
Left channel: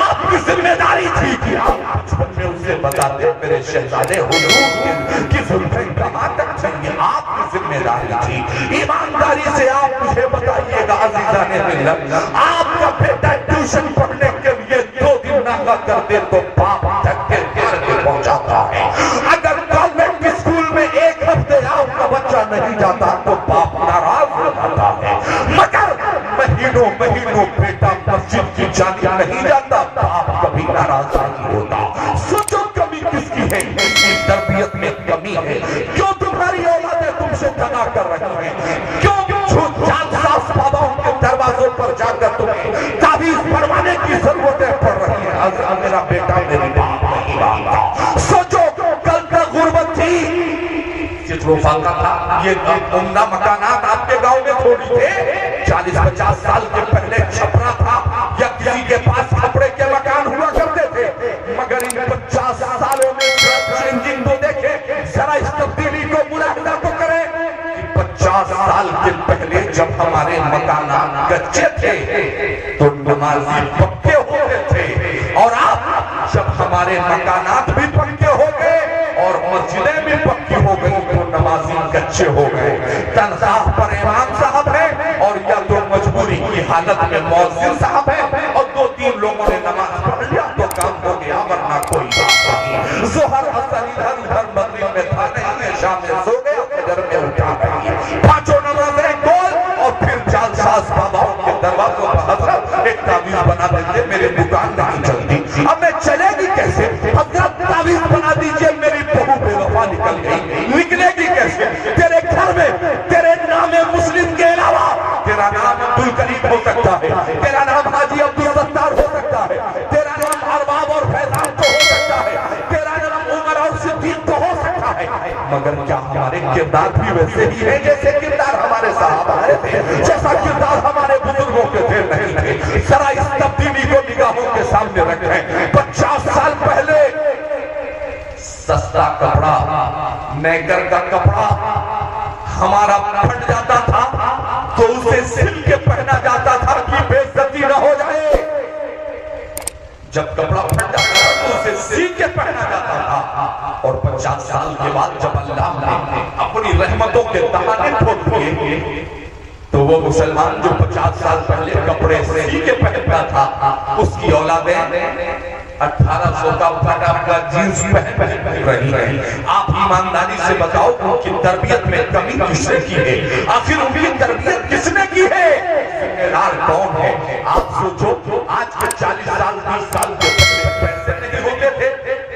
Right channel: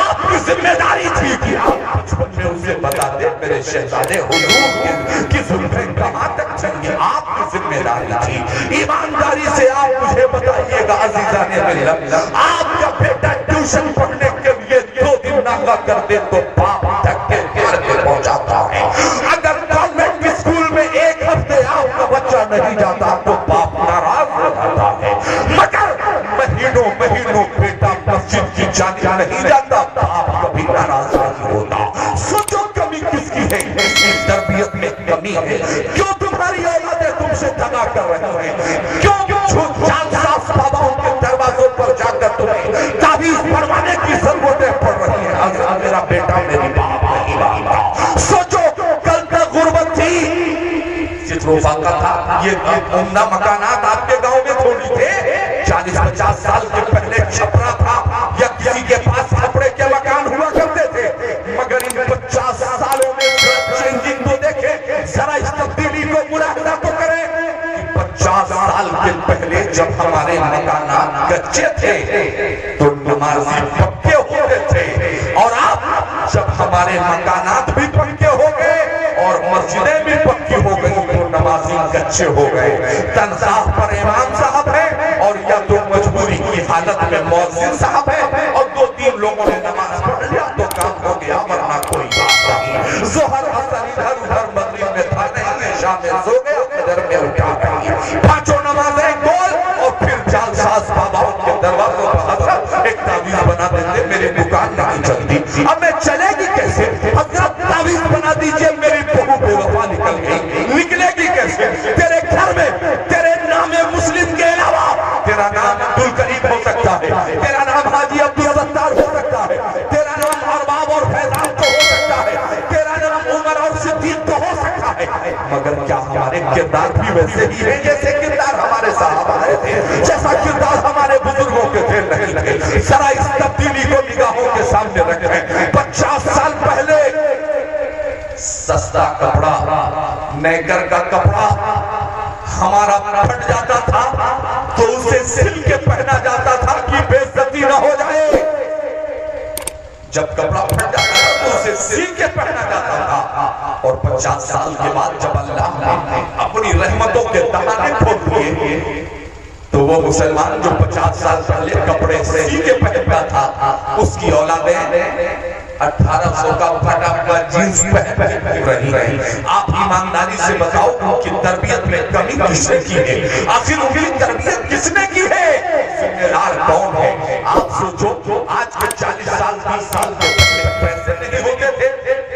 آپ کی ذمہ داری تھی کہ آپ بچپن میں اسے بتاتے میرے شہزادے حضور کی زلفیں کہاں تک چاہیے. آپ کی ذمہ داری تھی. ایمانداری سے آپ مجھے بتائیے گا عزیزان ملت, آپ کا بیٹا ٹیوشن پڑھنے کے لیے 2 دن ناغہ کرتے تو باپ دھکے دے کے پہنچاتا ہے. اگر گورنمنٹ کے اسکول میں 1 ہفتے آپ کا بچہ نہیں جاتا تو باپ ناراض ہو جاتا ہے. مگر مہینوں بیٹا مسجد کی جانے نہیں جاتا, باپ کبھی ناراض نہیں ہوتا. سوچو کمی کس کی ہے, اس کی تربیت میں کمی ہے. کیوں تمہاری اولادیں تم سے دغا کر رہی ہیں؟ کیوں جعلساز باباؤں کے دروازوں پر جا کر تمہیں تعویذ پڑھوانے کی ضرورتیں پڑ رہی ہیں؟ میرا بیٹا میری بات نہیں مانتا. سوچو کل کا غربت تھی, چتروفا کا تھا, یہ عمدہ مکانات آپ کے گاؤں میں تھوڑی تھے. 40-50 سال کے پہلے چھپرا تھا یا کسی کے پاس کپڑے کے مکان ہوا کرتے تھے. مگر ان 50 سالوں میں چینجنگ کو دیکھیں, ذرا اس تبدیلی کو ملاحظہ تو کریں. 50 سال کے پہلے جب ہمارے مکانات کچے تھے تو نمازی پکے ہوتے تھے, اور آپ جب ہمارے مکانات بھی پکے ہو گئے اور مسجدیں بھی پکی ہو گئی تو نمازی کچے ہو گئے. تنخواہ پر امام صاحب ہے اور یا تو مجبوری کی حالت میں مؤذن صاحب ہے, اور 2-3 لوگوں نے نماز پڑھ لیا تو کام ہو گیا, ورنہ کوئی بات نہیں. ظہر اثر ادھر مغرب میں تھا نہیں, عشاء میں سو گئے, ادھر میں اٹھا رہی ہے. 5 نمازیں گول, اور پھر جعلساز باباؤں کے دروازوں پر حضرت ایک تعویذ بنا دیجیے, میرے دکان نہیں چلتی. اب میں چلے گی کیسے؟ حضرت تعویذ بنا دیجیے, میری بہو بے وفا نکل گئی, نکلے گی کیسے؟ تیرے گھر میں تیرے نام مسلم کے علاوہ تیرا نام عبدالکریم ہو سکتا ہے, تیرا نام حاجی عبدالستار ہو سکتا ہے, تیرا نام ارباب اور فیضان تو ہو سکتا ہے, تیرا نام عمر اور صدیق تو ہو سکتا ہے. مگر کیا ہمارے کردار بھی ویسے ہی ہے جیسے کردار ہمارے صحابہ تھے, جیسا کردار ہمارے بزرگوں کے تھے نہیں تھے؟ ذرا اس تبدیلی کو نگاہوں کے سامنے رکھیں. 50 سال پہلے سستا کپڑا, نیکر کا کپڑا ہمارا پھٹ جاتا تھا تو اسے سل کے پہنا جاتا تھا کہ بے عزتی نہ ہو جائے. جب کپڑا پھٹ جاتا تھا تو اسے سل کے پہنا جاتا تھا, اور 50 سال کے بعد جب اللہ نے اپنی رحمتوں کے دہانے کھول دیے تو وہ مسلمان جو 50 سال پہلے کپڑے سی کے پہنتا تھا, اس کی اولادیں 1800 کا پھٹا ہوا جینس پہن رہی ہیں. آپ ایمانداری سے بتاؤ ان کی تربیت میں کمی کس نے کی ہے؟ آخر ان کی تربیت کس نے کی ہے؟ ذمہ دار کون ہے؟ آپ سوچو, آج کے 40 سال 20 سال کے پیسے نہیں ہوتے تھے,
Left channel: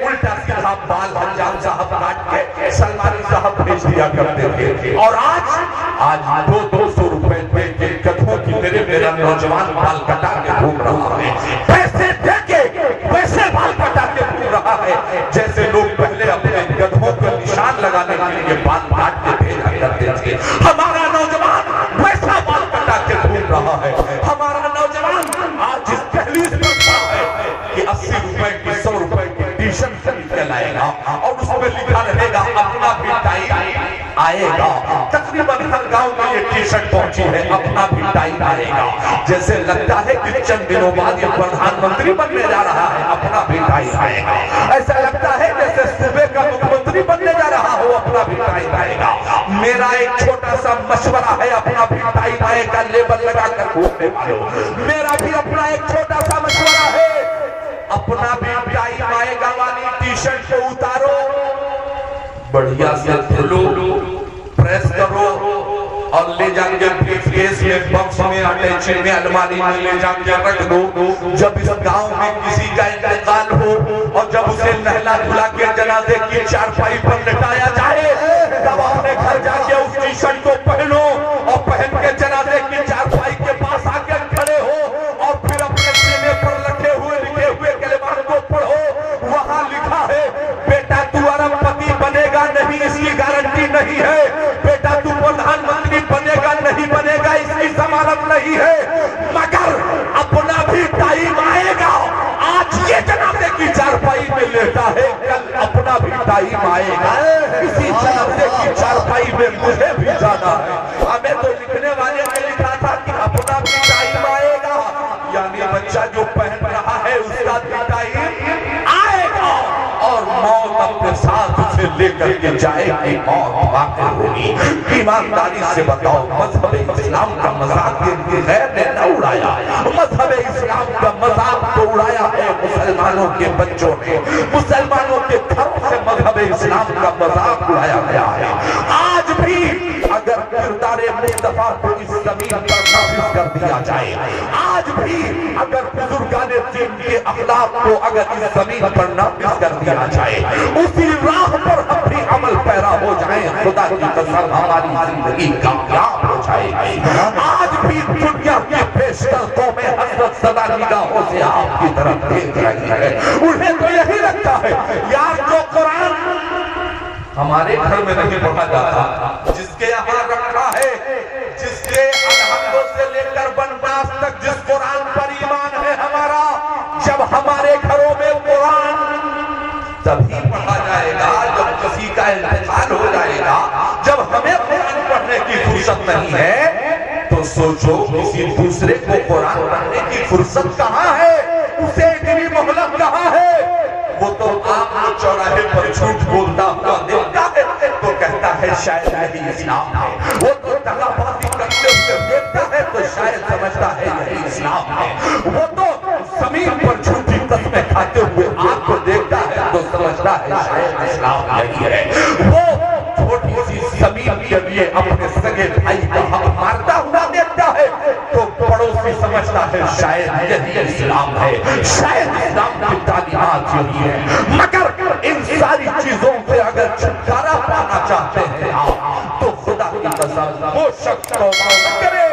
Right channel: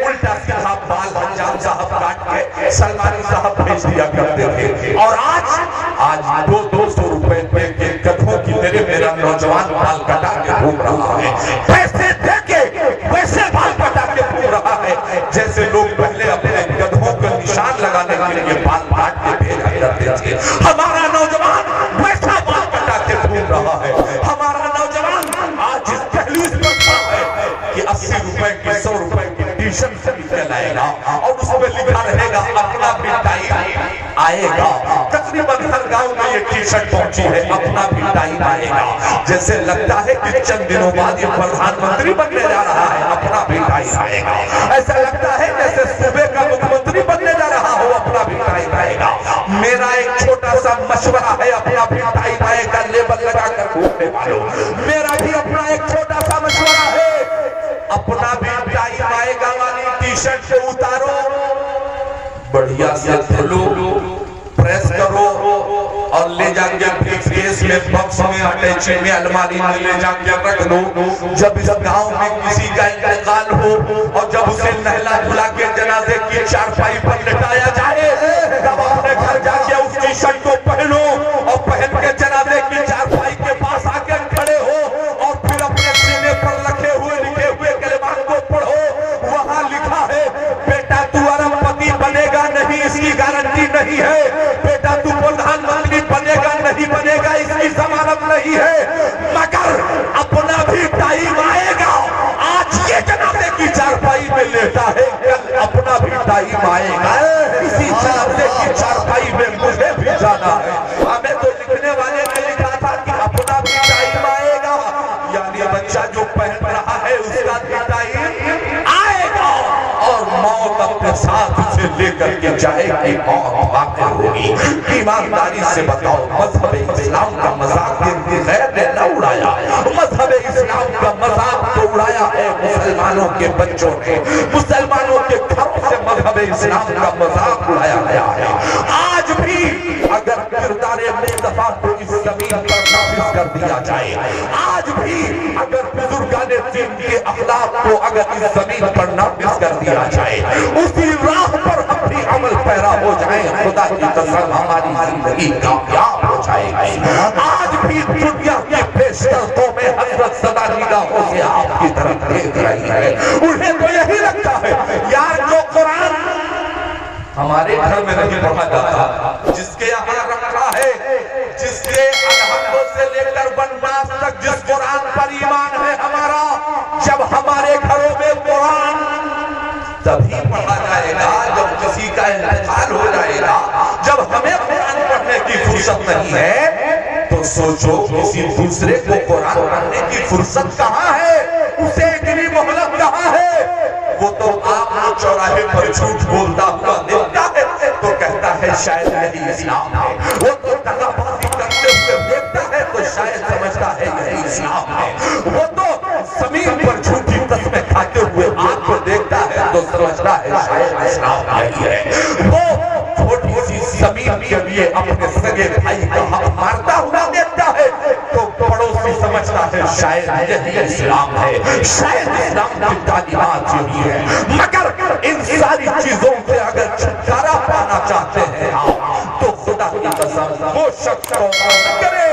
الٹا سیدھا بال حجام صاحب کاٹ کے سلمانی صاحب بھیج دیا کرتے تھے, اور آج 200 روپے دے کے گدھوں کی طرح میرا نوجوان بال کٹا کے گھوم رہا ہے. پیسے دے کے ویسے بال کٹا کے گھوم رہا ہے جیسے لوگ پہلے اپنے گدھوں کے نشان لگانے کے لیے بال کاٹ کے بھیجا کرتے تھے. ہمارا نوجوان ویسا بال کٹا کے گھوم رہا ہے. ہمارا نوجوان آج اس دہلیز میں کھڑا ہے کہ 80 روپے کی 100 روپے کی ٹی شرٹ خرید کے لائے گا, اور اس میں لکھا رہے گا اپنا بھی ٹائم آئے گا. تقریباً ہر گاؤں میں یہ ٹی شرٹ پہنچی ہے, اپنا بھی ٹائم آئے گا. جیسے لگتا ہے کہ چند دنوں بعد یہ پردھان منتری بننے جا رہا ہے, اپنا بھی ٹائم آئے گا. ایسا لگتا ہے جیسے صوبے کا مکھ منتری بننے جا رہا ہو, اپنا بھی ٹائم آئے گا. میرا ایک چھوٹا سا مشورہ ہے, اپنا بھی ٹائم آئے گا لیبل لگا کر گھومنے والوں. میرا بھی اپنا ایک چھوٹا سا مشورہ ہے, اپنا بھی ٹائم آئے گا والی ٹی شرٹ سے اتارو, بڑھیا سے دھلو, پریس کرو, اور لے جا کے بریف کیس میں, باکس میں, اٹیچی میں, الماری میں لے جا کے رکھ دو. جب اس گاؤں میں کسی کا انتقال ہو اور جب اسے نہلا دھلا کے جنازے کی چارپائی پر لٹایا جائے, تب اپنے گھر جا کے اس ٹی شرٹ کو پہنو, اور پہن کے جنازے کی چارپائی کے پاس آ کے کھڑے ہو, اور پھر اپنے سینے پر رکھے ہوئے لکھے ہوئے کلمات کو پڑھو. وہاں لکھا ہے بیٹا تو ارب پتی بنے گا نہیں, اس کی گارنٹی نہیں ہے. بیٹا تو پردھان منتری بنے گا نہیں بنے گا, اس کی ضمانت نہیں ہے. مگر ٹائم آئے گا کسی چاہتے کی چارپائی میں مجھے بھی جانا ہے. ہمیں تو لکھنے والے نے لکھا تھا کہ اپنا بھی ٹائم آئے گا, یعنی بچہ جو پہن رہا ہے اس کا بھی ٹائم آئے گا اور موت اپنے ساتھ اسے لے کر کے جائے گی, موت واقع ہوگی. ایمانداری سے بتاؤ, مذہب اسلام کا مذاق غیر نے نہ اڑایا, مذہب اسلام کا مذاق تو اڑایا ہے مسلمانوں کے بچوں نے, مسلمانوں کے گھروں سے مذہب اسلام کا مذاق اڑایا گیا ہے. آج بھی اگر کردار مصطفیٰ کو اس زمین پر نافذ کر دیا جائے, آج بھی اگر بزرگان دین کے اخلاق کو اگر اس زمین پر نافذ کر دیا جائے, اسی راہ پر ہم بھی عمل پیرا ہو جائیں, خدا کی قسم ہماری زندگی کامیاب ہو جائے گی. آج بھی دنیا کے پیشکشوں میں حضرت صدا نگاہوں سے آپ کی طرف دیکھ رہی ہے. انہیں تو یہی لگتا ہے یار جو قرآن ہمارے گھر میں نہیں پڑھا جاتا, جس کے یہاں رکھا ہے, جس کے الحمدوں سے لے کر بنواس تک جس قرآن پر ایمان ہے ہمارا, جب ہمارے گھروں میں قرآن تبھی پڑھا جائے گا جب کسی کا انتقال ہو جائے گا. جب ہمیں قرآن پڑھنے کی فرصت نہیں ہے تو سوچو کسی دوسرے کو قرآن پڑھنے کی فرصت کہاں ہے, اسے اتنی مہلت کہاں ہے. وہ تو آپ کو چوراہے پر جھوٹ بولتا ہوا دیکھتا ہے تو کہتا ہے شاید یہی اسلام ہے. وہ تو ٹکا بازی کرتے ہوئے دیکھتا ہے تو شاید سمجھتا ہے یہی اسلام ہے. وہ تو زمین پر جھوٹی قسمیں کھاتے ہوئے آپ کو دیکھتا ہے تو سمجھتا ہے شاید اسلام یہی ہے. وہ چھوٹی سی زمین کے لیے اپنے سگے بھائی کو مارتا ہوا دیکھتا ہے تو پڑوسی سمجھتا ہے شاید یہی اسلام ہے, شاید اسلام کی تعلیمات یہی ہے. مگر ان ساری چیزوں سے اگر چھٹکارا پانا چاہتے ہیں آپ تو خدا کی قسم وہ شخص کو کرے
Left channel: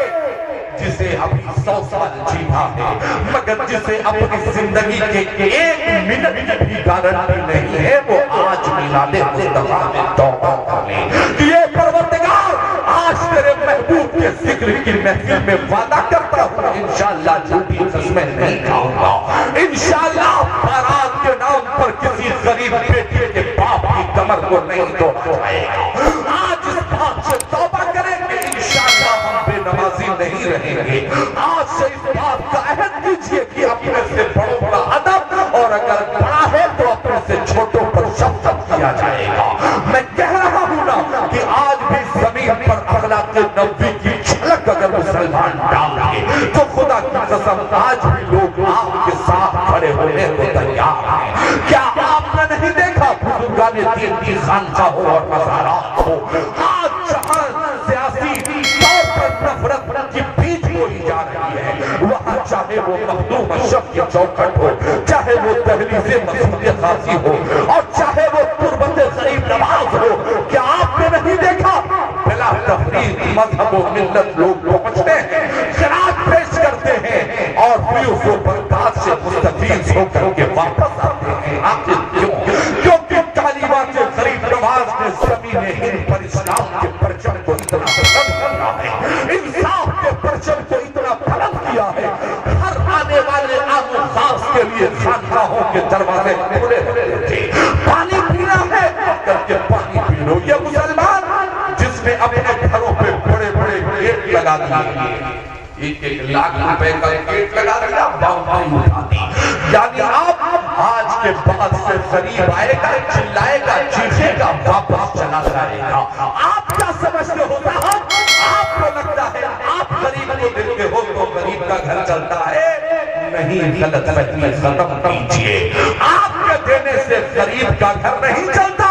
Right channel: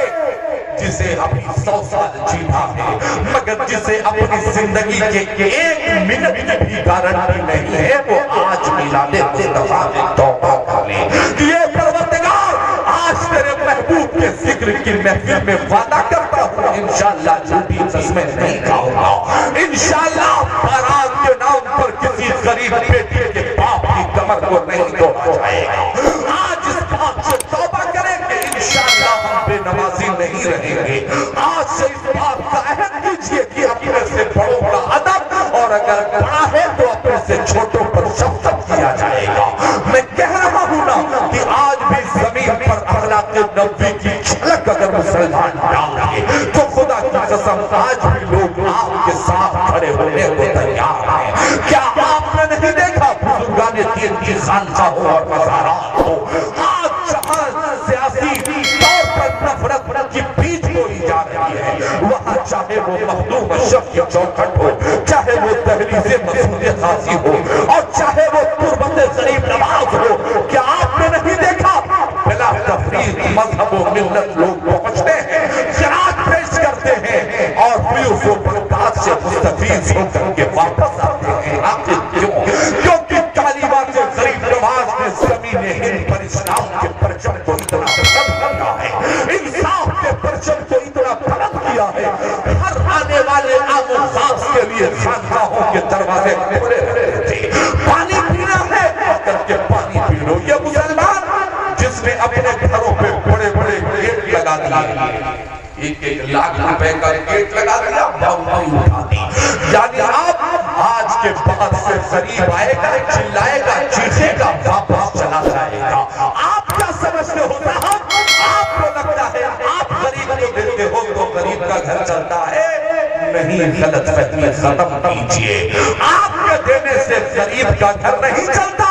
جسے ابھی 100 سال جینا ہے, مگر جسے اپنی زندگی کے 1 منٹ کی بھی گارنٹی نہیں ہے, وہ آج میلاد مصطفیٰ میں توبہ کر لے کہ یہ پروردگار آج تیرے محبوب کے ذکر کی محفل میں وعدہ کرتا ہوں انشاءاللہ جھوٹی قسمیں نہیں کھاؤں گا, انشاءاللہ بارات کے نام پر کسی غریب بیٹی کے باپ کی کمر کو نہیں توڑا جائے گا. آج اس بات سے توبہ کریں کہ انشاءاللہ ہم بے نمازی نہیں رہیں گے. آج سے اس بات کا عہد کیجئے کہ اپنے سے بڑوں بڑا ادب, اور اگر بڑا ہے تو اپنے سے چھوٹوں پر شفقت کیا جائے گا. میں کہہ رہا ہوں نا کہ آج بھی زمین پر اخلاق نبی کی جھلک اگر مسلمان ڈال گے تو خدا کی قسم آج بھی لوگ آپ کے ساتھ کھڑے ہونے کو تیار ہیں. کیا آپ نے نہیں دیکھا بزرگان دین کی خانقاہوں اور مزارات کو آج جہاں سیاسی طور پر نفرت کی بیج بوئی جا رہی ہے, وہاں چاہے وہ مخدوم اشرف کی چوکھٹ ہو, چاہے وہ دہلیز مسعود غازی ہو, اور چاہے وہ تربت غریب نواز ہو, کیا آپ نے نہیں دیکھا بلا تفریق مذہب و ملت لوگ پہنچتے ہیں, خراج پیش کرتے ہیں اور پھر اس برباد سے مستفیض ہو کر کے واپس آتے ہیں. آخر کیوں؟ کیونکہ تعلیمات غریب نواز نے زمین ہند پر اسلام کے پرچم کو اتنا بلند کیا ہے, انصاف کے پرچم کو اتنا بلند کیا ہے, ہر آنے والے عام و خاص کے لیے خانقاہوں کے دروازے کھلے رہتے تھے. پانی پینا ہے کر کے پانی پی لو. یہ مسلمان جس نے اپنے گھروں پہ بڑے بڑے گیٹ لگا دیے, 1 لاکھ روپے کا گیٹ لگا دیا, باؤنڈری اٹھا دی, یعنی آپ آج کے بعد سے غریب آئے گا, چلائے گا, چیخے گا, واپس چلا جائے گا. آپ کیا سمجھتے ہو صاحب؟ آپ کو لگتا ہے آپ غریب کو دیتے ہو تو غریب کا گھر چلتا ہے؟ نہیں, غلط فہمی ختم کیجئے. آپ کے دینے سے غریب کا گھر نہیں چلتا.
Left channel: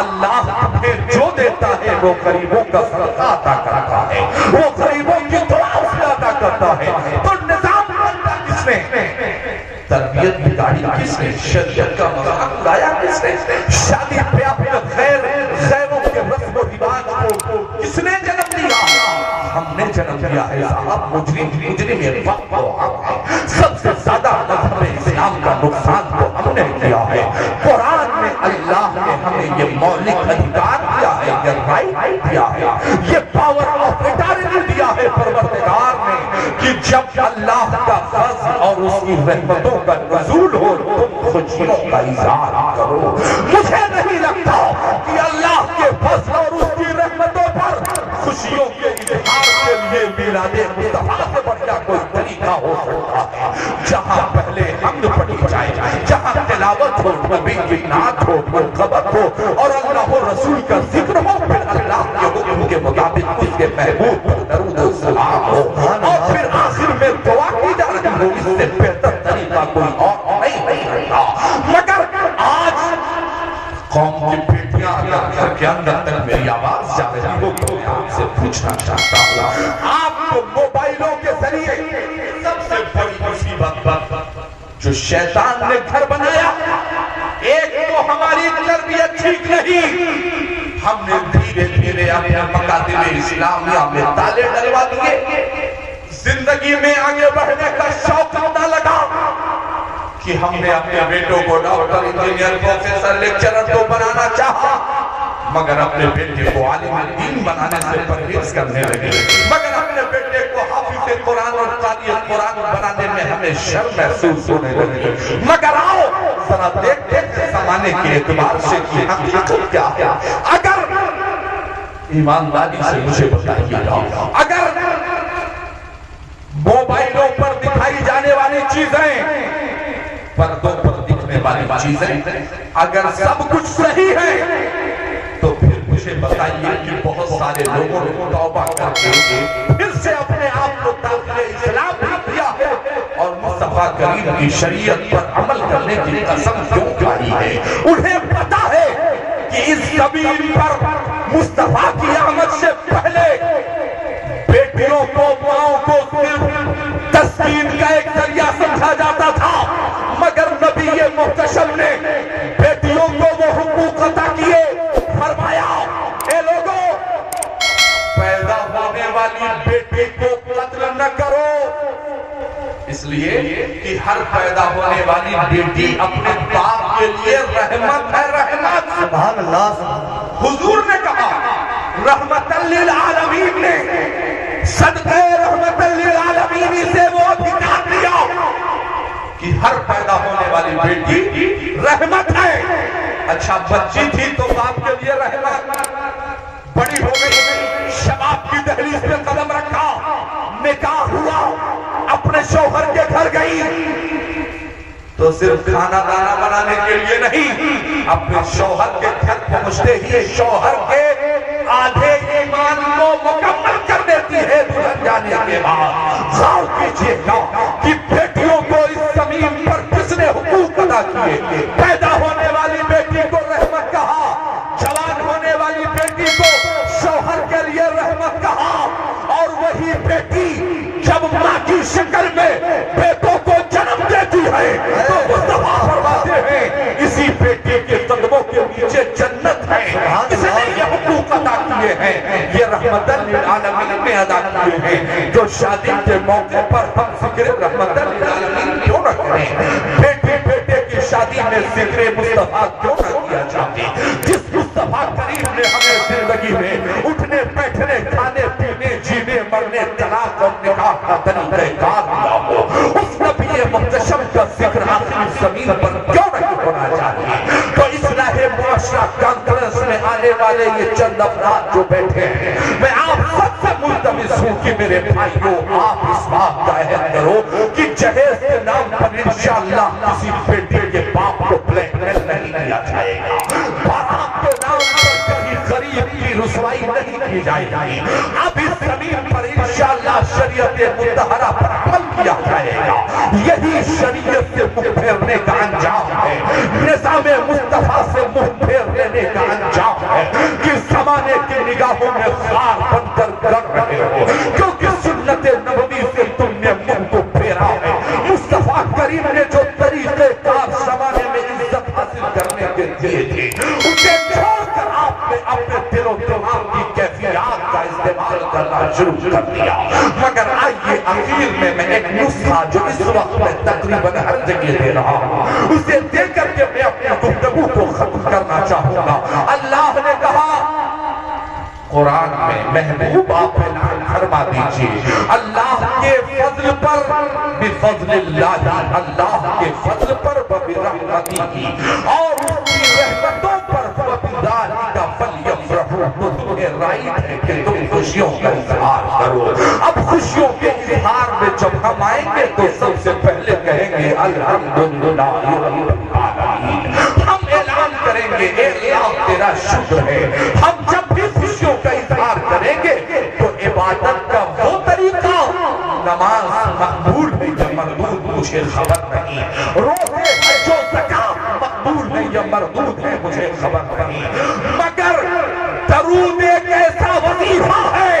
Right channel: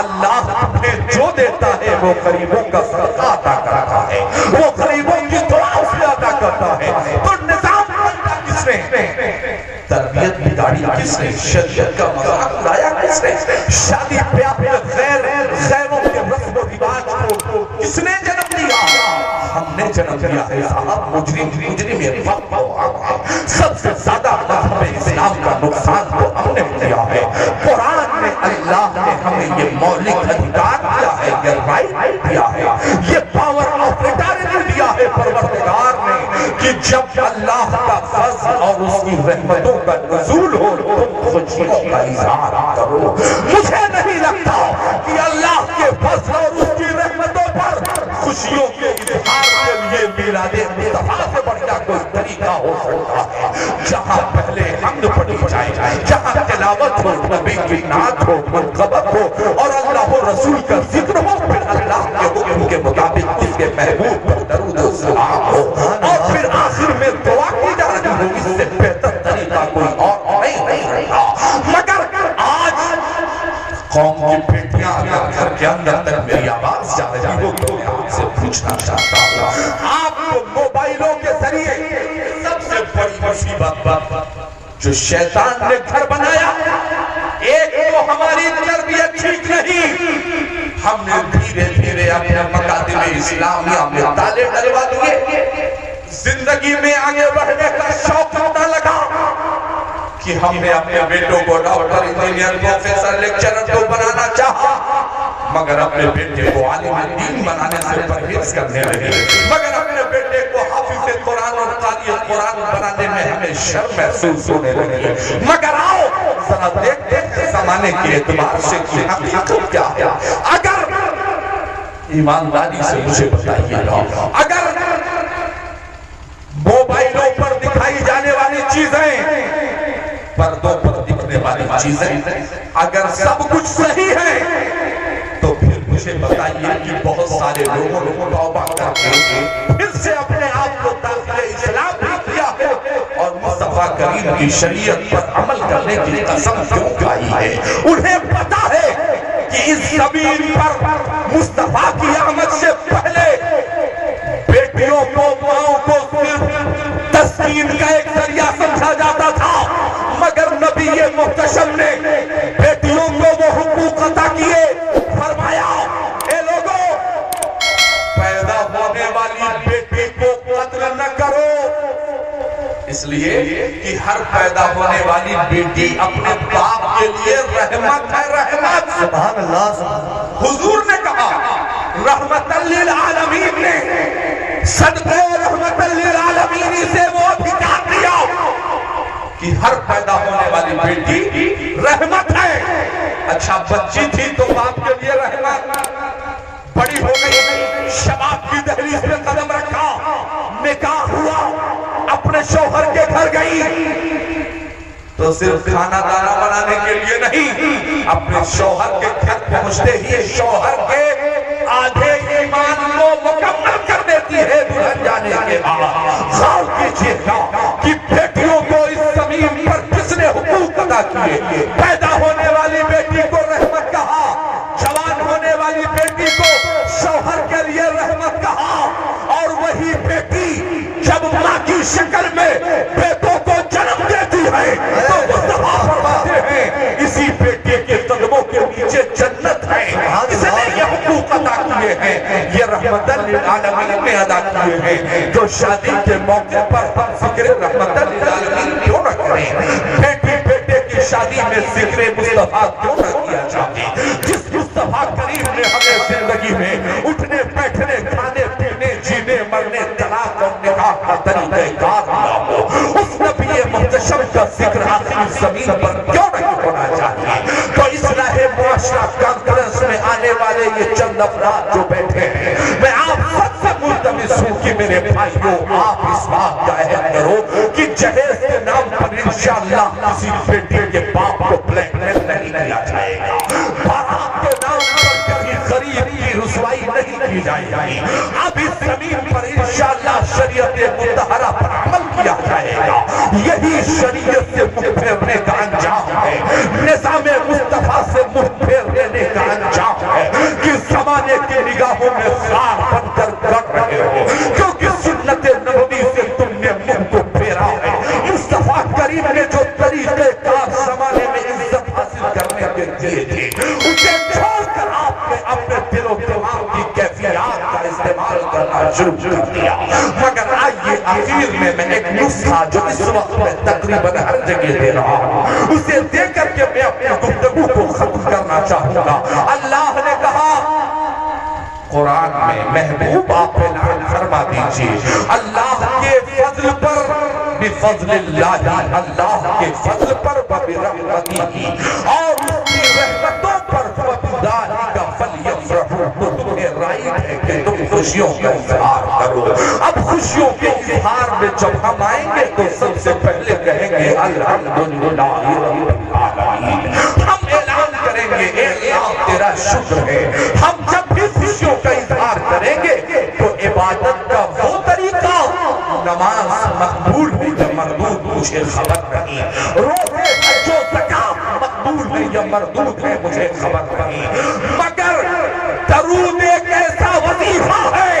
اللہ ہمیں جو دیتا ہے وہ غریبوں کا صدقہ عطا کرتا ہے, وہ غریبوں کی دعا سے عطا کرتا ہے. تو نظام بنتا کس نے, تربیت بگاڑی کس نے, شریعت کا مذاق اڑایا کس نے, شادی بیاہ میں غیروں کے رسم و رواج کو کس نے جنم دیا؟ ہم نے جنم دیا ہے صاحب. مجرم یہ وقت کو سب سے زیادہ مذہب اسلام کا نقصان تو ہم نے کیا ہے. قرآن میں اللہ نے ہمیں یہ مولک ادھکار دیا ہے, یہ رائٹ دیا ہے, یہ پاور آف اٹارٹی دیا ہے پروردگار نے کہ جب اللہ کا فضل اور اس کی رحمتوں کا نزول ہو تو خوشیوں کا اظہار کرو. مجھے نہیں لگتا کی نعت ہو، منقبت ہو اور اللہ و رسول کا ذکر ہو، پھر اللہ کے حکم کے مطابق اس کے محبوب پر درود و سلام ہو، اور پھر آخر میں دعا کی جا رہی ہو، اس سے بہتر طریقہ کوئی اور نہیں رہا۔ مگر آج قوم کی بیٹیاں اگر گھر کے اندر تک میری آواز جا رہی ہو تو میں آپ سے پوچھنا چاہتا ہوں، آپ موبائلوں کے ذریعے سب سے بڑی مصیبت جو شیطان نے گھر بنایا، ایک تو ہماری تربیت ٹھیک نہیں، ہم نے دھیرے دھیرے اپنے مکاتب اسلامیہ میں تالے ڈلوا دیے، زندگی میں آگے بڑھنے کا شوق نہ لگا کہ ہم نے اپنے بیٹوں کو ڈاکٹر، انجینئر، پروفیسر، لیکچرر تو بنانا چاہا، مگر اپنے بیٹے کو عالم دین بنانے سے پرہیز کرنے لگے، مگر اپنے بیٹے کو حافظ قرآن اور قاری قرآن بنانے میں ہمیں شرم محسوس ہونے لگے۔ مگر آؤ ذرا دیکھتے ہیں زمانے کے اعتبار سے کہ حقیقت کیا ہے۔ اگر ایمانداری سے مجھے بتائیے گا، اگر موبائلوں پر دکھائی جانے والی چیزیں، پردوں پر دکھنے والی چیزیں اگر سب کچھ صحیح ہے تو پھر مجھے بتائیے کہ بہت سارے لوگوں نے توبہ کر کے پھر سے اپنے آپ کو داخل اسلام بھی کیا ہے اور مصطفیٰ کریم کی شریعت پر عمل کرنے کی قسم کیوں کھائی ہے۔ انہیں پتا ہے کہ اس زمین پر مصطفیٰ کی آمد سے پہلے بیٹیوں کو، ماؤں کو صرف تسکین کا ایک ذریعہ سمجھا جاتا تھا، مگر نبی محتشم نے بیٹیوں کو وہ حقوق عطا کیے، فرمایا اے لوگوں پیدا ہونے والی بیٹی کو قتل نہ کرو، اس لیے کہ ہر پیدا ہونے والی بیٹی اپنے باپ کے لیے رحمت ہے، رحمت۔ سبحان اللہ، سبحان اللہ۔ حضور نے کہا رحمت للعالمین نے صدقہ رحمت للعالمین سے وہ بھی کہا دیا کہ ہر پیدا ہونے والی بیٹی رحمت ہے۔ اچھا بچی تھی تو باپ کے لیے رحمت، بڑی ہو گئی، شباب کی دہلیز پہ قدم رکھا، نکاح ہوا، اپنے شوہر کے گھر گئی تو صرف کھانا دانا بنانے کے لیے نہیں، اپنے شوہر کے گھر پہنچتے ہی شوہر کے آدھے ایمان کو مکمل کر دیتی ہے دلہن جانے کے بعد۔ غور کیجئے گا کہ بیٹیوں کو اس زمین پر کس نے حقوق ادا کیے۔ پیدا ہونے والی بیٹی کو رحمت کہا، جوان ہونے والی بیٹی کو شوہر کے لیے رحمت کہا، اور وہی بیٹی جب ماں کی شکل میں بیٹوں کو جنم دیتی ہے تو مصطفیٰ فرماتے ہیں اسی بیٹی کے قدموں کے نیچے جنت ہے۔ اس نے یہ حقوق ادا کیے ہیں، یہ رحمت للعالمین میں ادا کیے ہیں۔ جو شادی کے موقع پر فکر رحمت للعالمین کیوں نہ کریں؟ بیٹی بیٹے کی شادی میں ذکر مصطفیٰ کیوں نہ کیا جاتے؟ جس مصطفیٰ کریم نے ہمیں زندگی میں اٹھنے بیٹھنے، کھانے پینے، جینے مرنے، طلاق اور نکاح کا طریقہ کار دیا ہو، اس نبی محتشم کا ذکر آخری زمین پر کیوں نہیں ہونا چاہیے؟ تو اصلاح معاشرہ کانفرنس میں آنے والے یہ چند افراد جو بیٹھے ہیں، میں آپ سب سے ملتمس ہوں کہ میرے بھائیوں آپ اس بات کا عہد کرو کہ جہیز کے نام پر انشاءاللہ کسی بیٹی کے باپ کو بلیک میل نہیں کیا جائے گا، باپ کے نام پر کسی غریب کی رسوائی نہیں کی جائے گی۔ اب اس زمین پر انشاءاللہ شریعت مطہرہ پر عمل کیا جائے گا، یہی شریعت سے منہ پھیرنے کا انجام ہے، نظام مصطفیٰ سے منہ پھیر لینے کا انجام ہے کہ زمانے کی نگاہوں میں خار بن کر گڑ رہے ہو، کیونکہ سنت نبوی سے تم نے منہ کو پھیرا ہے۔ مصطفیٰ کریم نے جو طریقے کار زمانے میں عزت حاصل کرنے کے دیے تھے اسے چھوڑ کر آپ نے اپنے دل و دماغ کی کیفیات کا استعمال کرنا شروع کر دیا۔ مگر آئیے آخر میں ایک نسخہ جو اس وقت میں تقریباً ہر جگہ دے رہا ہوں، اسے دے کر کے میں اپنے گفتگو کو ختم کرنا چاہوں گا۔ اللہ نے کہا قرآن میں محبوب آپ پہ نام فرما دیجئے اللہ کے فضل پر بفضل اللہ، اللہ کے فضل پر برحمتہ اور اس کی رحمتوں پر فبذالک فلیفرحوا، تو تمہیں رائٹ ہے کہ تم خوشیوں کا اظہار کرو۔ اب خوشیوں کے اظہار میں جب ہم آئیں گے تو سب سے پہلے کہیں گے الحمدللہ رب العالمین، ہم گے اے اللہ تیرا شکر ہے. ہم جب بھی خوشیوں کا اظہار کریں گے تو عبادت کا وہ طریقہ نماز مقبول ہے یا مردود مجھے خبر نہیں, روزے جو زکات مقبول ہے یا مردود ہے مجھے خبر نہیں, مگر درود ایک ایسا وظیفہ ہے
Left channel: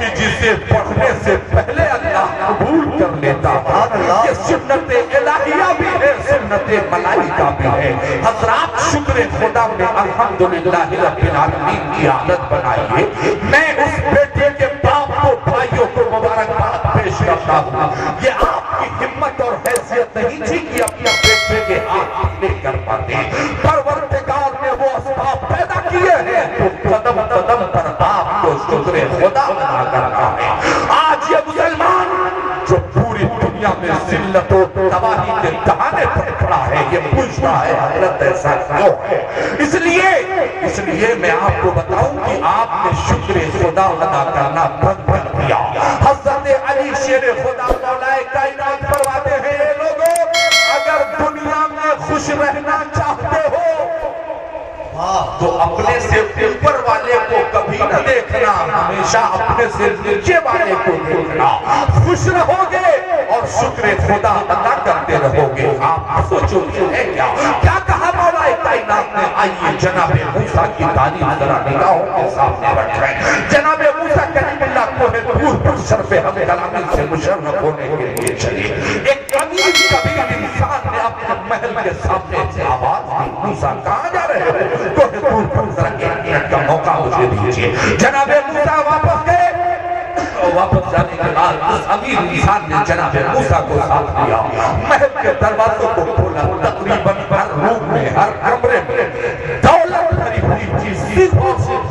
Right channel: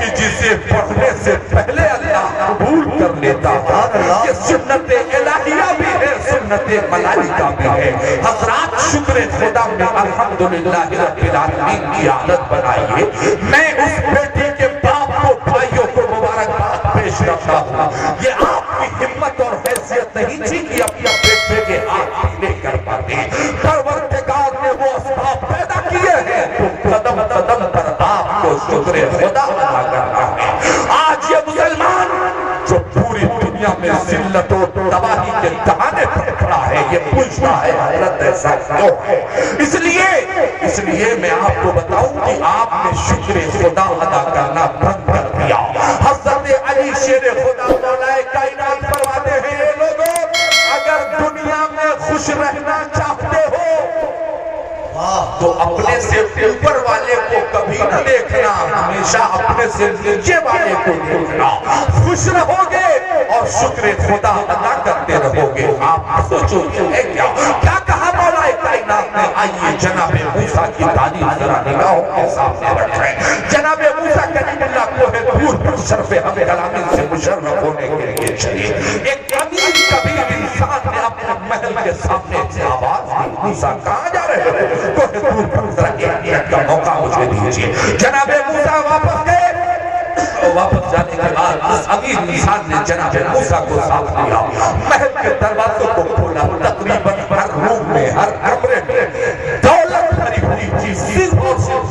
کہ جسے پڑھنے سے پہلے اللہ قبول کر لیتا ہے. یہ سنت الہیہ بھی ہے, سنت ملائکہ بھی ہے. حضرات شکر خدا میں الحمدللہ رب العالمین کی عادت بنائیے. میں اس بیٹے کے باپ کو بھائیوں کو مبارکباد پیش کرتا ہوں. یہ آپ کی ہمت اور حیثیت نہیں تھی کہ اپنے بیٹے کے ہاتھ لے کر پاتے. پروردگار نے وہ اسباب پیدا کیے ہیں تو قدم قدم پر آپ کو شکر خدا ادا کرنا ہے. آج یہ مسلمان جو پوری دنیا میں ذلت و تباہی کے دہانے پر کھڑا ہے, یہ پوچھتا ہے حضرت ایسا کیوں ہے. اس لیے میں آپ کو بتاؤں کہ آپ نے شکر خدا ادا کرنا بند کر دیا. حضرت علی شیر خدا مولا کائنات فرماتے ہیں, یہ لوگوں اگر دنیا میں خوش رہنا چاہتے ہو تو اپنے سے اوپر والے کو کبھی نہ دیکھنا, ہمیشہ اپنے سے نیچے والے کو دیکھنا. خوش رہو گے اور شکر خدا ادا کرتے رہو گے. آپ سوچو ہے کیا کہا مولا کائنات نے. آئیے جناب موسیٰ کی تعلیم ذرا نگاہوں کے سامنے رکھیں. جناب موسیٰ کلیم اللہ کوہ طور پر شرف ہم کلامی سے مشرف ہونے کے لیے چلیے. ایک امیر کبیر انسان نے اپنے محل کے سامنے سے آواز دی, موسیٰ کہاں جا رہے ہو؟ کوہ طور پر ذرا ایک منٹ کا موقع مجھے دیجیے. جناب موسیٰ واپس گئے. واپس جانے کے بعد اس امیر انسان نے جناب موسیٰ کو ساتھ لیا. محل کے دروازوں کو کھولا. تقریباً ہر روم میں, ہر کمرے میں دولت بھری ہوئی تھی. صرف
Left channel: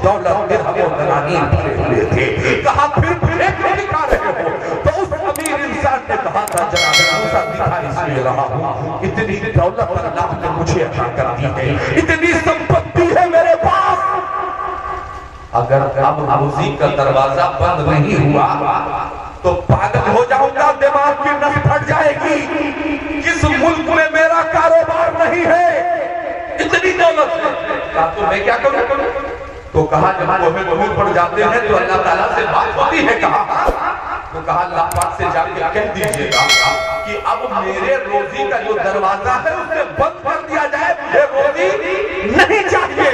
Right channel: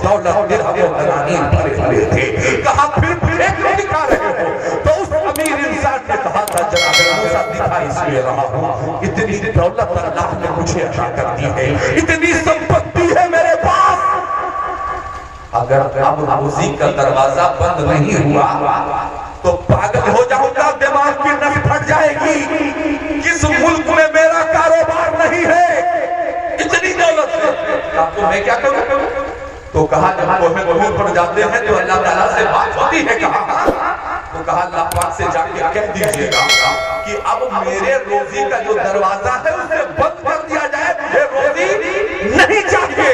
دولت درہم و دنانیر بھرے ہوئے تھے. کہا پھر ایک دکھا رہے ہو؟ تو اس امیر انسان نے کہا تھا جناب موسیٰ دکھا اس لیے رہا ہوں, اتنی دولت اللہ نے مجھے عطا کر دی ہے, اتنی سمپتی ہے میرے پاس. اگر اب روزی کا دروازہ بند نہیں ہوا تو پاگل ہو جاؤں گا, دماغ کی نس پھٹ جائے گی. کس ملک میں میرا کاروبار نہیں ہے, اتنی دولت ہے, تو میں کیا کروں؟ تو کہا جب کوہ طور پر جاتے ہیں تو اللہ تعالیٰ سے بات ہوتی ہے. تو کہا اللہ پاک سے جا کے کہہ دیجیے گا کہ اب میرے روزی کا جو دروازہ ہے اسے بند کر دیا جائے, مجھے روزی نہیں چاہیے.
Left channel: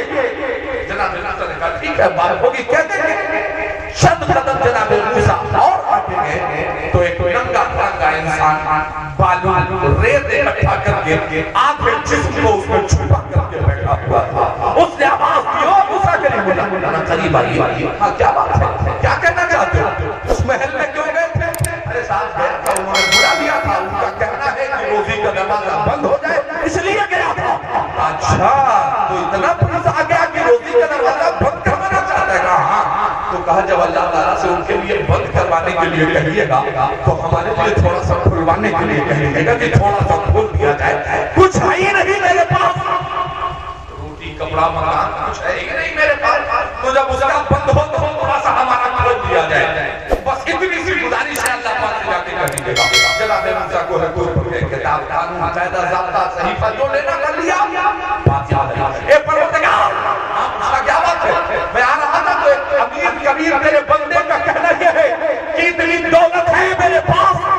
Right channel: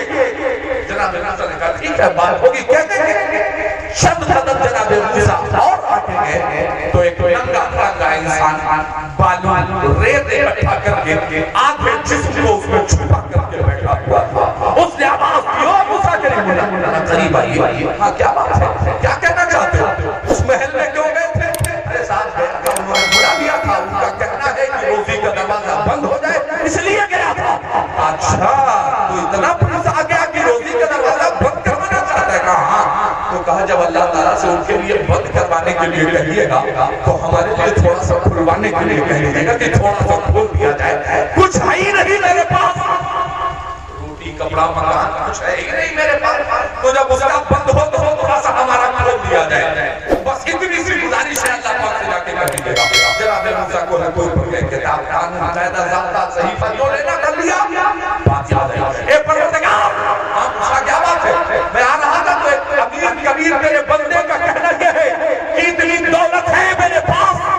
جناب موسیٰ نے کہا ٹھیک ہے بات ہوگی, کہہ دیں گے. چند قدم جناب موسیٰ اور آگے گئے تو ایک ننگا پھنگا انسان بالوں ریت اکٹھا کر کے آگے جسم کو اس میں چھپا کر کے بیٹھا ہوا تھا. اس نے آواز کی, اور موسیٰ کریم قریب آئیے. ہاں کیا بات ہے, کیا کہنا چاہتے ہو؟ اس محل میں کیوں گئے تھے؟ ارے صاحب گیا تھا, انہوں نے برا دیا تھا, ان کا کہنا ہے کہ روزی کا دروازہ بند ہو جائے اس لیے گیا تھا. اچھا تو اتنا پولیس آ گیا کہ روزی کا دروازہ بند کروانا چاہتا ہے. کہا ہاں. تو کہا جب اللہ تعالیٰ سے ان کے لیے بند کروانے کے لیے کہیے گا تو ہمارے لیے تھوڑا سا کھلوانے کے لیے کہیے گا کہ تھوڑا سا کھول دیا جائے. کچھ ہے ہی نہیں میرے پاس, روٹی کپڑا مکان کچھ ہے ہی نہیں میرے پاس, تو جب اس کا بند ہو تو تھوڑا سا ہمارا کھول دیا جائے. بس اتنی سی گزارش ہے, اللہ پاک سے جا کے کر دیجیے گا. جناب موسیٰ کو ہے کوئی پڑھ کے کتاب قانون قاعدہ ضابطہ صحیفہ جو لینا کر لیا. بات یاد ہے ایک پروردگار, ہاں موسیٰ کیا بات ہے, میں آ رہا تھا تو ایک امیر کبیر میرے بندے کا کہنا یہ ہے کہ اتنی دولت ہے میرے پاس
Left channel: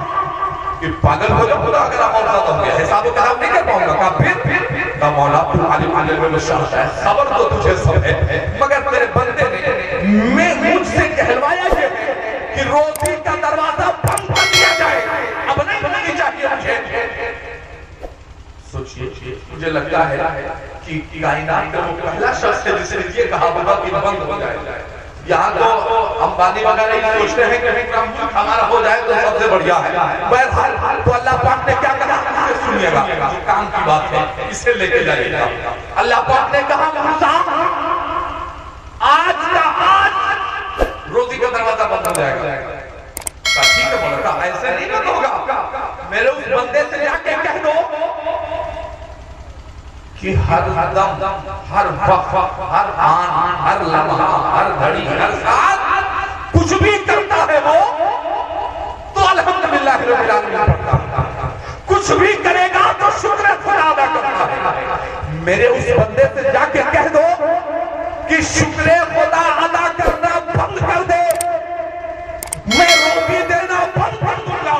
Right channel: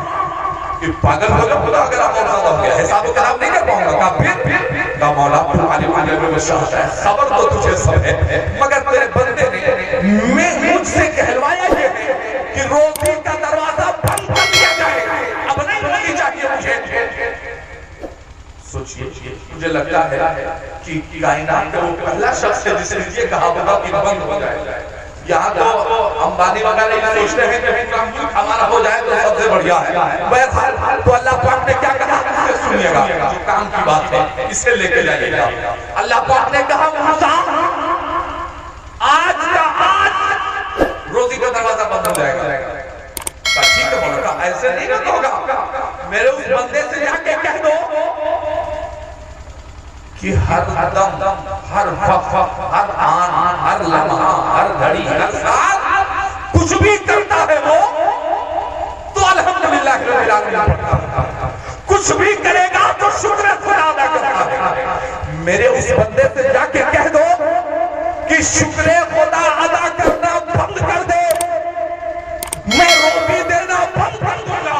کہ پاگل ہو جاؤں گا اگر آپ اور زیادہ ہو گیا, حساب و کتاب نہیں کر پاؤں گا. کہا پھر کہا مولا تو عالم میں شاہدہ ہے, صبر تو تجھے سب ہے, مگر تیرے بندے نے مجھ سے کہلوایا یہ ہے کہ روزی کا دروازہ بند کر دیا جائے, اب نہیں بنانی چاہیے مجھے. سوچئے مجھے لگتا ہے کہ کائنات کا وہ پہلا شخص ہے جس نے یہ کہا ہوگا کہ بند ہو جائے. یہاں تو امبانی وغیرہ یہ سوچتے ہیں کہ ہمارا ہو جائے تو سب سے بڑھیا ہے. بہرحال تو اللہ پاک نے کیا کہا سنیے گا, جو کام کی بات ہے اسے لے کے جائیے گا. اللہ پاک نے کہا موسیٰ آج کا آج روزی کا دروازہ بند ہو جائے گا. ٹھیک ہے مولا, ایسے نہیں نہ ہوگا, میرے اس بندے سے جا کے کہہ دو کہ ہر دم, ہر وقت, ہر آن, ہر لمحہ, ہر گھڑی, ہر ساتھ کچھ بھی کرتا ہے وہ تو الحمدللہ رب العالمین, کچھ بھی کرے گا تو شکر خدا ادا کرتا ہے. میرے اس بندے سے جا کے کہہ دو کہ شکر خدا ادا کرنا بند کر دے، میں روٹی دینا بند کر دوں گا۔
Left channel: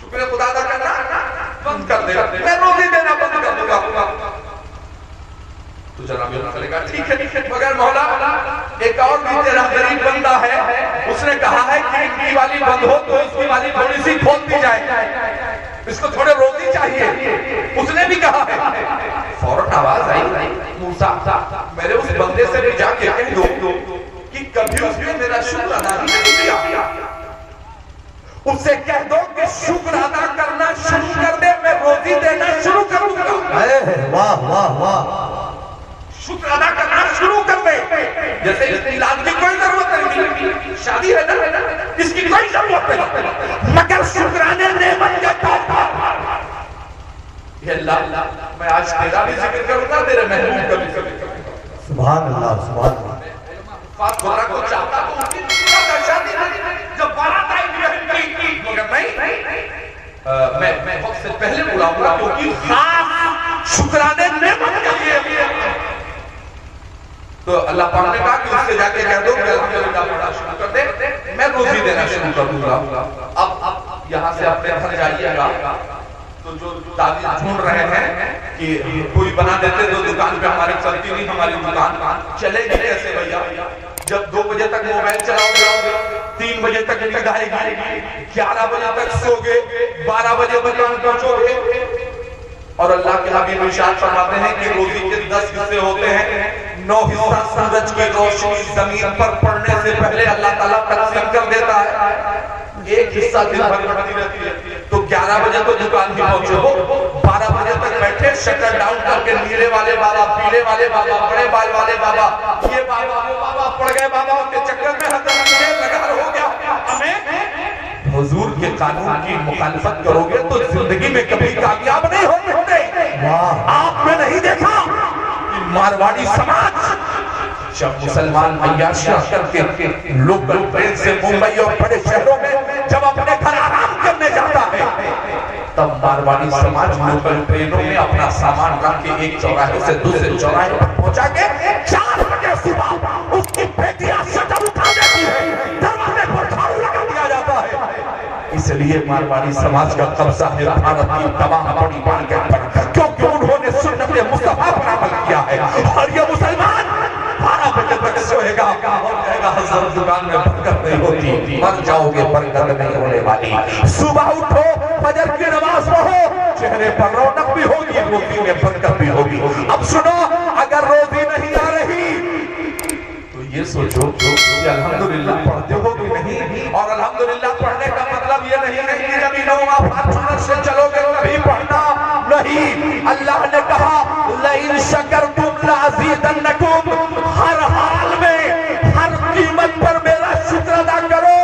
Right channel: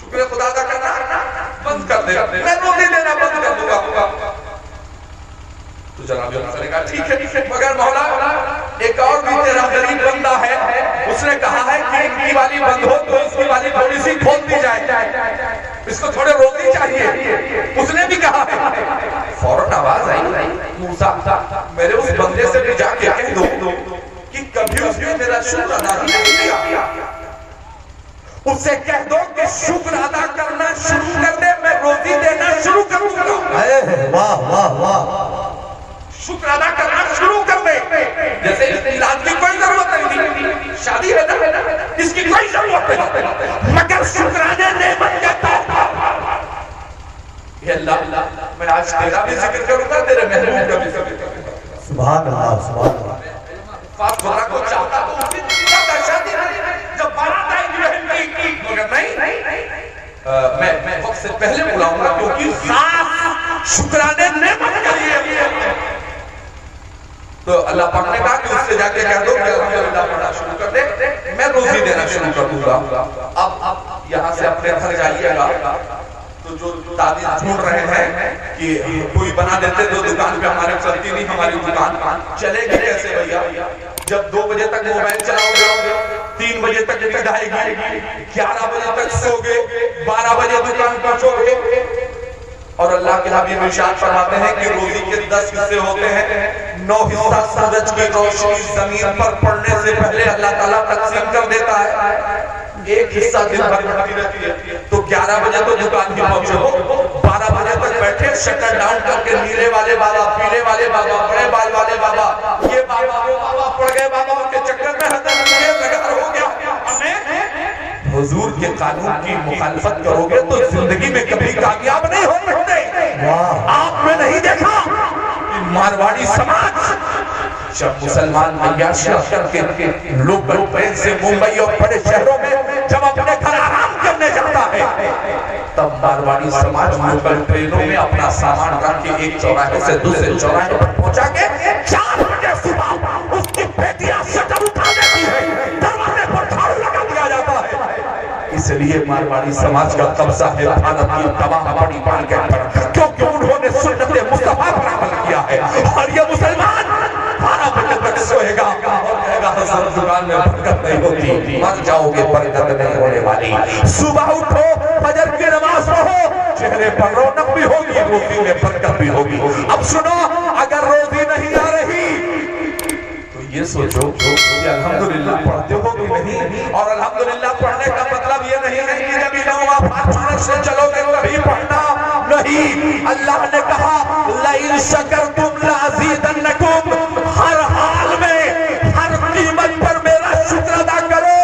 شکر خدا ادا کرنا بند کر دے، میں روٹی دینا بند کر دوں گا۔ تو جناب نے کہا ٹھیک ہے، مگر مولا ایک اور بھی تیرا غریب بندہ ہے، اس نے کہا ہے کہ ان کی والی بند ہو تو اس کی والی تھوڑی سی کھول دی جائے، اس کو تھوڑے روٹی چاہیے، اس نے بھی کہا ہے۔ فوراً آواز آئی، موسیٰ میرے اس بندے سے بھی جا کے کہہ دو کہ کبھی اس نے میرا شکر ادا ہی نہیں کیا، اس سے کہہ دو کہ شکر ادا کرنا شروع کر دے، میں روٹی دینا شروع کروں گا۔ واہ واہ واہ، شکر ادا کرنا شروع کر دے، جیسے اس میلاد کی کوئی ضرورت نہیں، شادی ہے نا، اس کی کوئی ضرورت نہیں، مگر شکرانے نعمت کے طور پر یہ اللہ میں آج تیرا بھی ذکر کروں گا، تیرے محبوب کا بھی ذکر کروں گا۔ سبحان اللہ سبحان اللہ۔ فاط خدا کو چاہتا تو اس دن کیا شادی جب بارات آئی بہن کی، مگر نہیں، میں وقت سے پہلے بلاؤں گا کیونکہ خاص شکرانے نعمت کے لیے۔ تو اللہ پاک نے کہا کہ اس سے جا کے کہہ دو کہ الحمدللہ پڑھنا شروع کر دے، میں روزی دینا شروع کر دوں گا۔ اب یہاں سے اپنے گھر جائیے گا تو جو تعلیم ڈھونڈ رہے ہیں کہ کوئی بنا دیتے جو دکان پہ ہماری چلتی نہیں، ہماری دکان چلے گی کیسے بھیا؟ جب 2 بجے تک موبائل چلاؤ گے، 3 بجے تک نیند آئے گی، 11 بجے تک سو گے، 12 بجے دکان پہنچو گے۔ اور اللہ کے حبیب ارشاد فرماتے ہیں کہ روزی کے 10 حصے ہوتے ہیں، 9 حصہ سورج کی روشنی زمین پر پڑنے سے پہلے اللہ تعالیٰ تقسیم کر دیتا ہے، 1 حصہ دن بھر بڑھتی رہتی ہے۔ تو 11 بجے تو دکان بھی پہنچے ہو، 12 بجے تک بیٹھے شٹر ڈاؤن کر کے نیلے والے بابا، پیلے والے بابا، بڑے بال والے بابا، یہ بابا وہ بابا پڑ گئے، بابا کے چکر میں حضرت لگا ہو گیا۔ ہمیں حضور کے قانون کی مخالفت کرو گے تو زندگی میں کبھی کامیاب نہیں ہوتے۔ آپ نے نہیں دیکھا کہ مارواڑی سماج جب مسلمان عیاشیاں کر کے لوکل ٹرین سے ممبئی اور بڑے شہروں میں جب اپنے گھر آرام کرنے جاتا ہے، تب مارواڑی سماج لوکل ٹرینوں میں اپنا سامان رکھ کے ایک چوراہے سے دوسرے چوراہے پر پہنچا کے 4 بجے صبح اس کی بیٹیاں شٹر اٹھا دیتی ہے، دروازے پر جھاڑو لگا دیا جاتا ہے۔ اس لیے مارواڑی سماج کا قبضہ ہے بھارت کی تمام بڑی مارکیٹ پر، کیونکہ انہوں نے سنت مصطفیٰ پر عمل کیا ہے۔ اور یہ مسلمان 12 بجے تک سوئے گا اور کہے گا حضرت دکان میں برکت نہیں ہوتی، مر جاؤ گے برکت نہیں ہونے والی۔ صبح اٹھو، فجر کی نماز پڑھو، چہرے پر رونق بھی ہوگی، روزی میں برکت بھی ہوگی۔ اب سنو، اگر روزی نہیں آ رہی تو یہ سوچو کہ الحمدللہ پڑھتے ہو کہ نہیں، اور الحمدللہ پڑھنے کا مطلب یہ نہیں ہے کہ جب انہوں آپ سے چلو گے کبھی پڑھنا نہیں۔ اللہ نے کہا لَإِن شَكَرْتُمْ لَأَزِيدَنَّكُمْ، ہر حال میں ہر قیمت پر میرا شکر ادا کرو،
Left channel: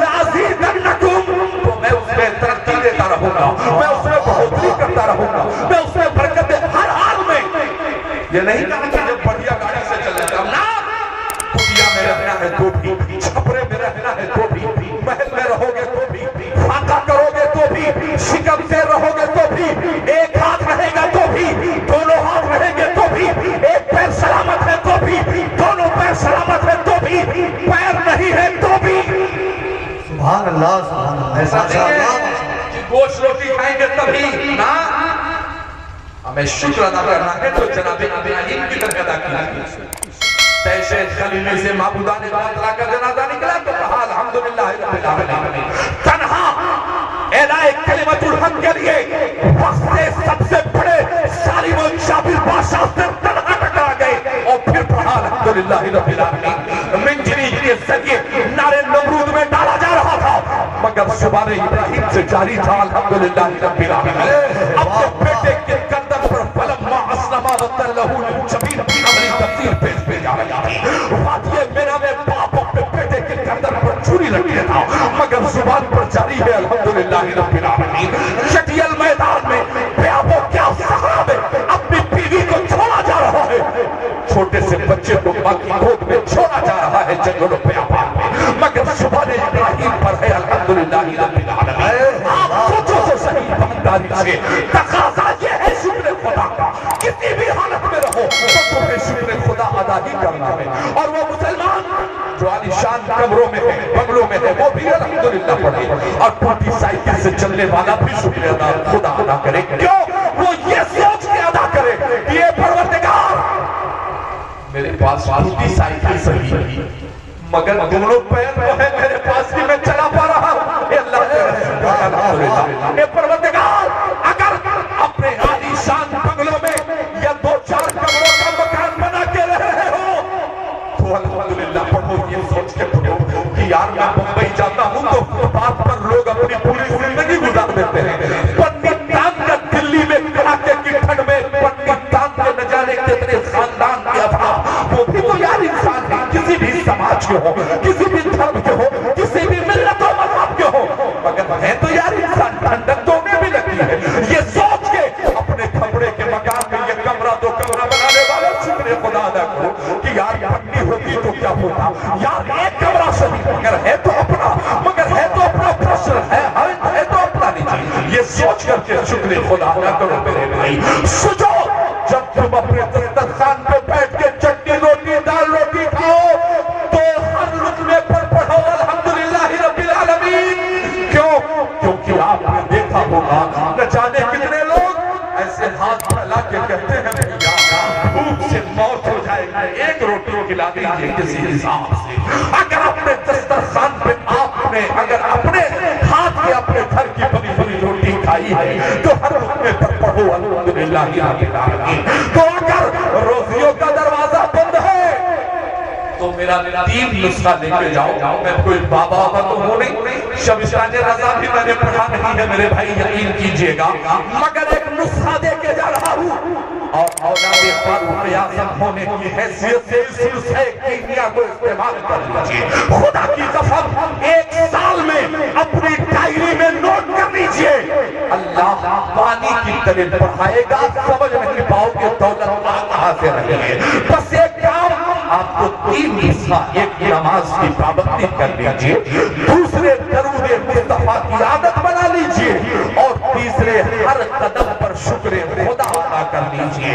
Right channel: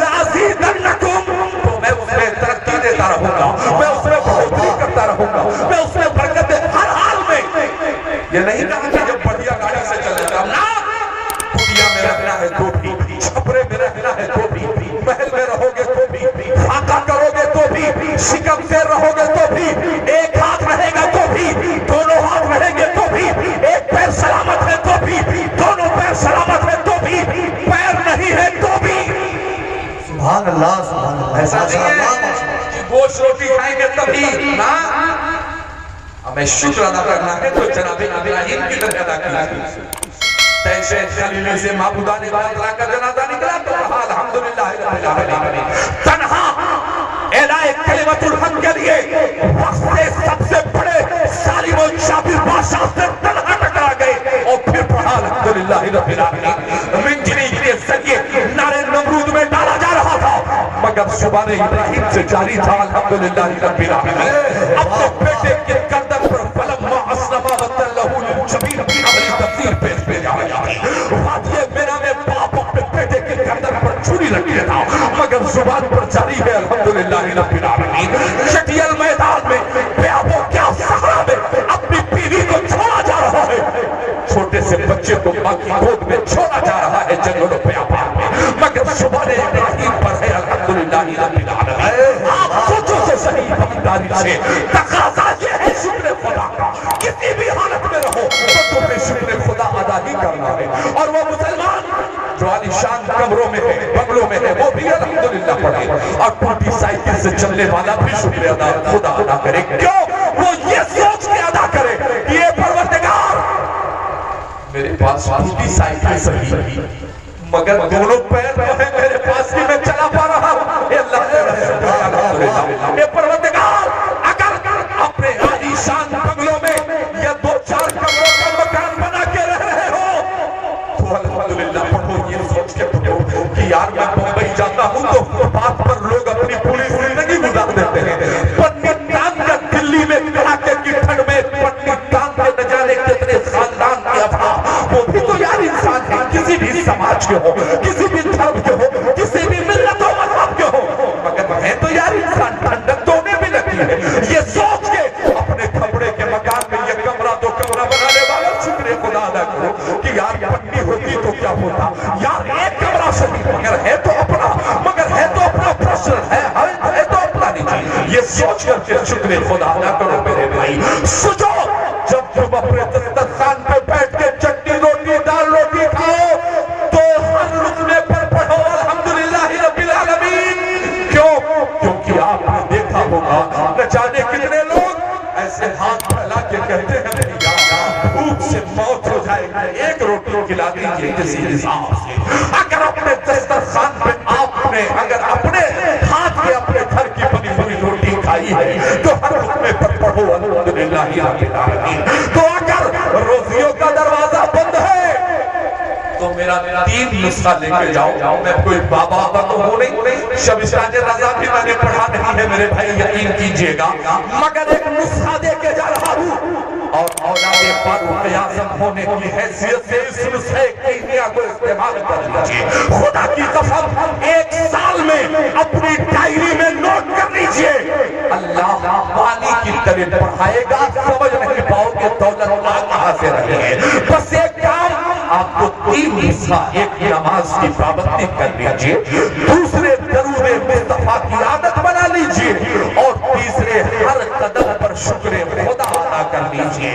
لَأَزِيدَنَّكُمْ، تو میں اس میں ترقی دیتا رہوں گا، میں اس میں بہتری کرتا رہوں گا، میں اس میں برکت ہر حال میں۔ یہ نہیں کہا کہ جب بڑھیا گاڑی سے چلنا تھا، نا دنیا میں رہنا ہے تو بھی، چھپرے میں رہنا ہے تو بھی، محل میں رہو گے تو بھی، فاقہ کرو گے تو بھی، شکم سے رہو گے تو بھی، ایک ہاتھ رہے گا تو بھی، دونوں ہاتھ رہیں گے تو بھی، ایک پیر سلامت ہے تو بھی، دونوں پیر سلامت ہے تو بھی، پیر نہیں ہے تو بھی۔ سبحان اللہ سبحان اللہ۔ ایسا نہیں ہے کہ گوشت روٹی کھائیں گے تبھی، نا، ہمیں شکر ادا کرنا ہے تو جناب ابراہیم کی طرح ادا کیا ہے۔ تیسے خلیل سے معبودان بات لا کر جنازہ نکلا تو کہا الحمدللہ رب العالمین۔ تنہا اعلائے کلمت الحق کے لیے وقت سے سب سے بڑے ظالم و شابر بادشاہ سے تنہا ٹکرا گئے اور پھر پڑھا الحمدللہ رب العالمین۔ منجری کے ذریعے نعرے نمرود میں ڈالا جا رہا تھا، مگر زبان ابراہیم سے جاری تھا الحمدللہ رب العالمین۔ اپنے بیٹے کے گردن پر فلما اسلم وتلہ للجبین کی عملی تفسیر پیش بھیجا گیا۔ وادی میرا میں باپ اپنے بیٹے کے گردن پر چھری لگیا تھا، مگر زبان پر جاری ہے الحمدللہ رب العالمین۔ شٹیل میدان میں بیابوں کیا صحرا میں اپنی بیوی کو چھوڑا جا رہا ہے، چھوٹے سے بچے کو ماں کی گود میں چھوڑا جا رہا ہے جنگلوں بیابان میں، مگر زبان ابراہیم پر ہے الحمدللہ رب العالمین۔ آپ سوچو تو صحیح ایمانداری سے، تقاضا یہ ہے شکر خدا کا، کسی شکر خدا ادا ہی کرنا ہے. اور وہ مسلمان جو عالیشان کمروں میں ہے, بنگلوں میں ہے, وہ بھی الحمدللہ پڑھے, اور ٹوٹی سائیکل سے چلنے والا بھی شکر ادا خدا ادا کرے. کیوں؟ وہ یہ سوچ کے ادا کرے کہ یہ پروردگار میرے پاس ٹوٹی سائیکل صحیح مگر دونوں پیر وہ ہے میرے پاس کی میں چلا پا رہا. اے اللہ کا شکر ہے الحمدللہ. اے پروردگار اگر اپنے عالیشان بنگلوں میں یا 2-4 کمروں کا مکان بنا کے رہ رہے ہو تو الحمدللہ پڑھو, یہ سوچ کے پڑھو کہ یار میں ممبئی جاتا ہوں تو فٹ پاتھ پر لوگ اپنی پوری زندگی گزار دیتے ہیں. پٹنی ٹانگ کا دلی میں کڑاکے کی ٹھنڈ میں پٹنی ٹانگ کے نہ جانے کتنے خاندان کے افراد, وہ بھی تو یار انسان ہے, کسی بھی سماج کے ہو, کسی بھی دھرم کے ہو, کسی بھی ملت و مذہب کے ہو, مگر ہے تو یار انسان. ٹھنڈک تو انہیں بھی لگتی ہے. یہ سوچ کے اپنے کھپڑے کے مکان میں یہ کمرہ 2 کمرہ بنانے والا شکر خدا ادا کرو کہ یار پٹنی ہوتی تو کیا ہوتا, یار ایک کمرہ صحیح مگر ہے تو اپنا, مگر ہے تو اپنا پروفیشن ہے تو اپنا نہیں. یہ سوچ کر کے شکر خدا ادا کرو میرے بھائی. سوچو جب تم اپنے دسترخوان پہ بیٹھ کے چٹنی روٹی دال روٹی کھاؤ تو ہر لقمے پر پڑھو الحمدللہ رب العالمین. کیوں؟ کیونکہ آپ نے دیکھا ہوگا نہ جانے کتنے لوگ ایسے ہاتھ پھیلا کے کہتے ہیں بھیا بھوک سے موت ہو جائے گی, ایک روٹی کھلا دیجیے کسی حساب سے. اگر اپنے دسترخوان پہ آپ نے اگر اپنے ہاتھ کے اپنے گھر کی بنی بنی روٹی کھائی ہے تو ہر لقمے پر پڑھو الحمدللہ رب العالمین. تو اگر روزیوں کا دروازہ بند ہے تو میرا 3 نسخہ لے کے جاؤ. میں کوئی بابا تو ہوں نہیں, شبستان رضا بھی میں نے پڑھا نہیں ہے میرے بھائی, یقین کیجئے گا, مگر ایک نسخہ دے کے جا رہا ہوں. اور اولاد فاروق اعظم ہونے کی حیثیت سے اس نسخے کیمیا کو استعمال کر لیجئے. خدا کی قسم 1 سال میں اپنی ڈائری میں نوٹ کر لیجئے, اللہ پانی کی طرح بڑھائے گا, سمجھ نہیں پاؤ کہ دولت اللہ کہاں سے رہے ہیں. بس ایک کام, آپ کو 3 نسخہ, ایک نماز کی پابندی کر لیجئے, دوسرے درود مصطفیٰ کی عادت بنا لیجئے, اور تیسرے ہر قدم پر شکر خدا ادا کر لیجئے. یہ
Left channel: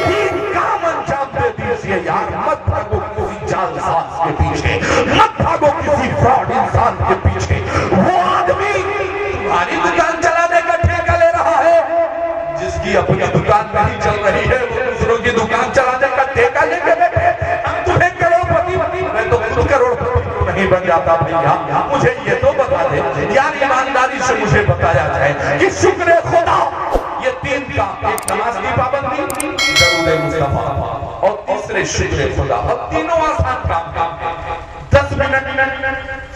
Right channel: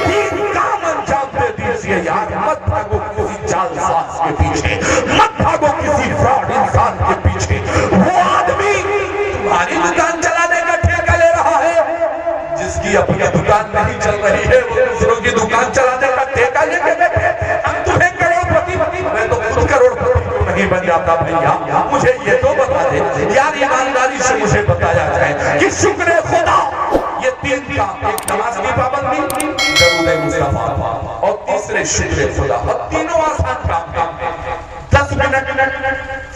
3 کام انجام دے دیجئے یار. مت بھاگو کسی جعل ساز کے پیچھے, مت بھاگو کسی فراڈ انسان کے پیچھے. وہ آدمی تمہاری دکان چلانے کا ٹھیکہ لے رہا ہے, جس کی اپنی دکان نہیں چل رہی ہے وہ دوسروں کی دکان چلانے کا ٹھیکہ لے کے بیٹھے. ہم تمہیں کروڑپتی, میں تو خود کروڑپتی نہیں بن جاتا بھیا. مجھے یہ تو بتا دے یار, ایمانداری سے مجھے بتایا جائے کہ شکر خدا یہ 3 کام, ایک نماز کی پابندی, درود مصطفیٰ, اور تیسرے شکر خدا, اور تینوں آسان کام ہیں. 10 منٹ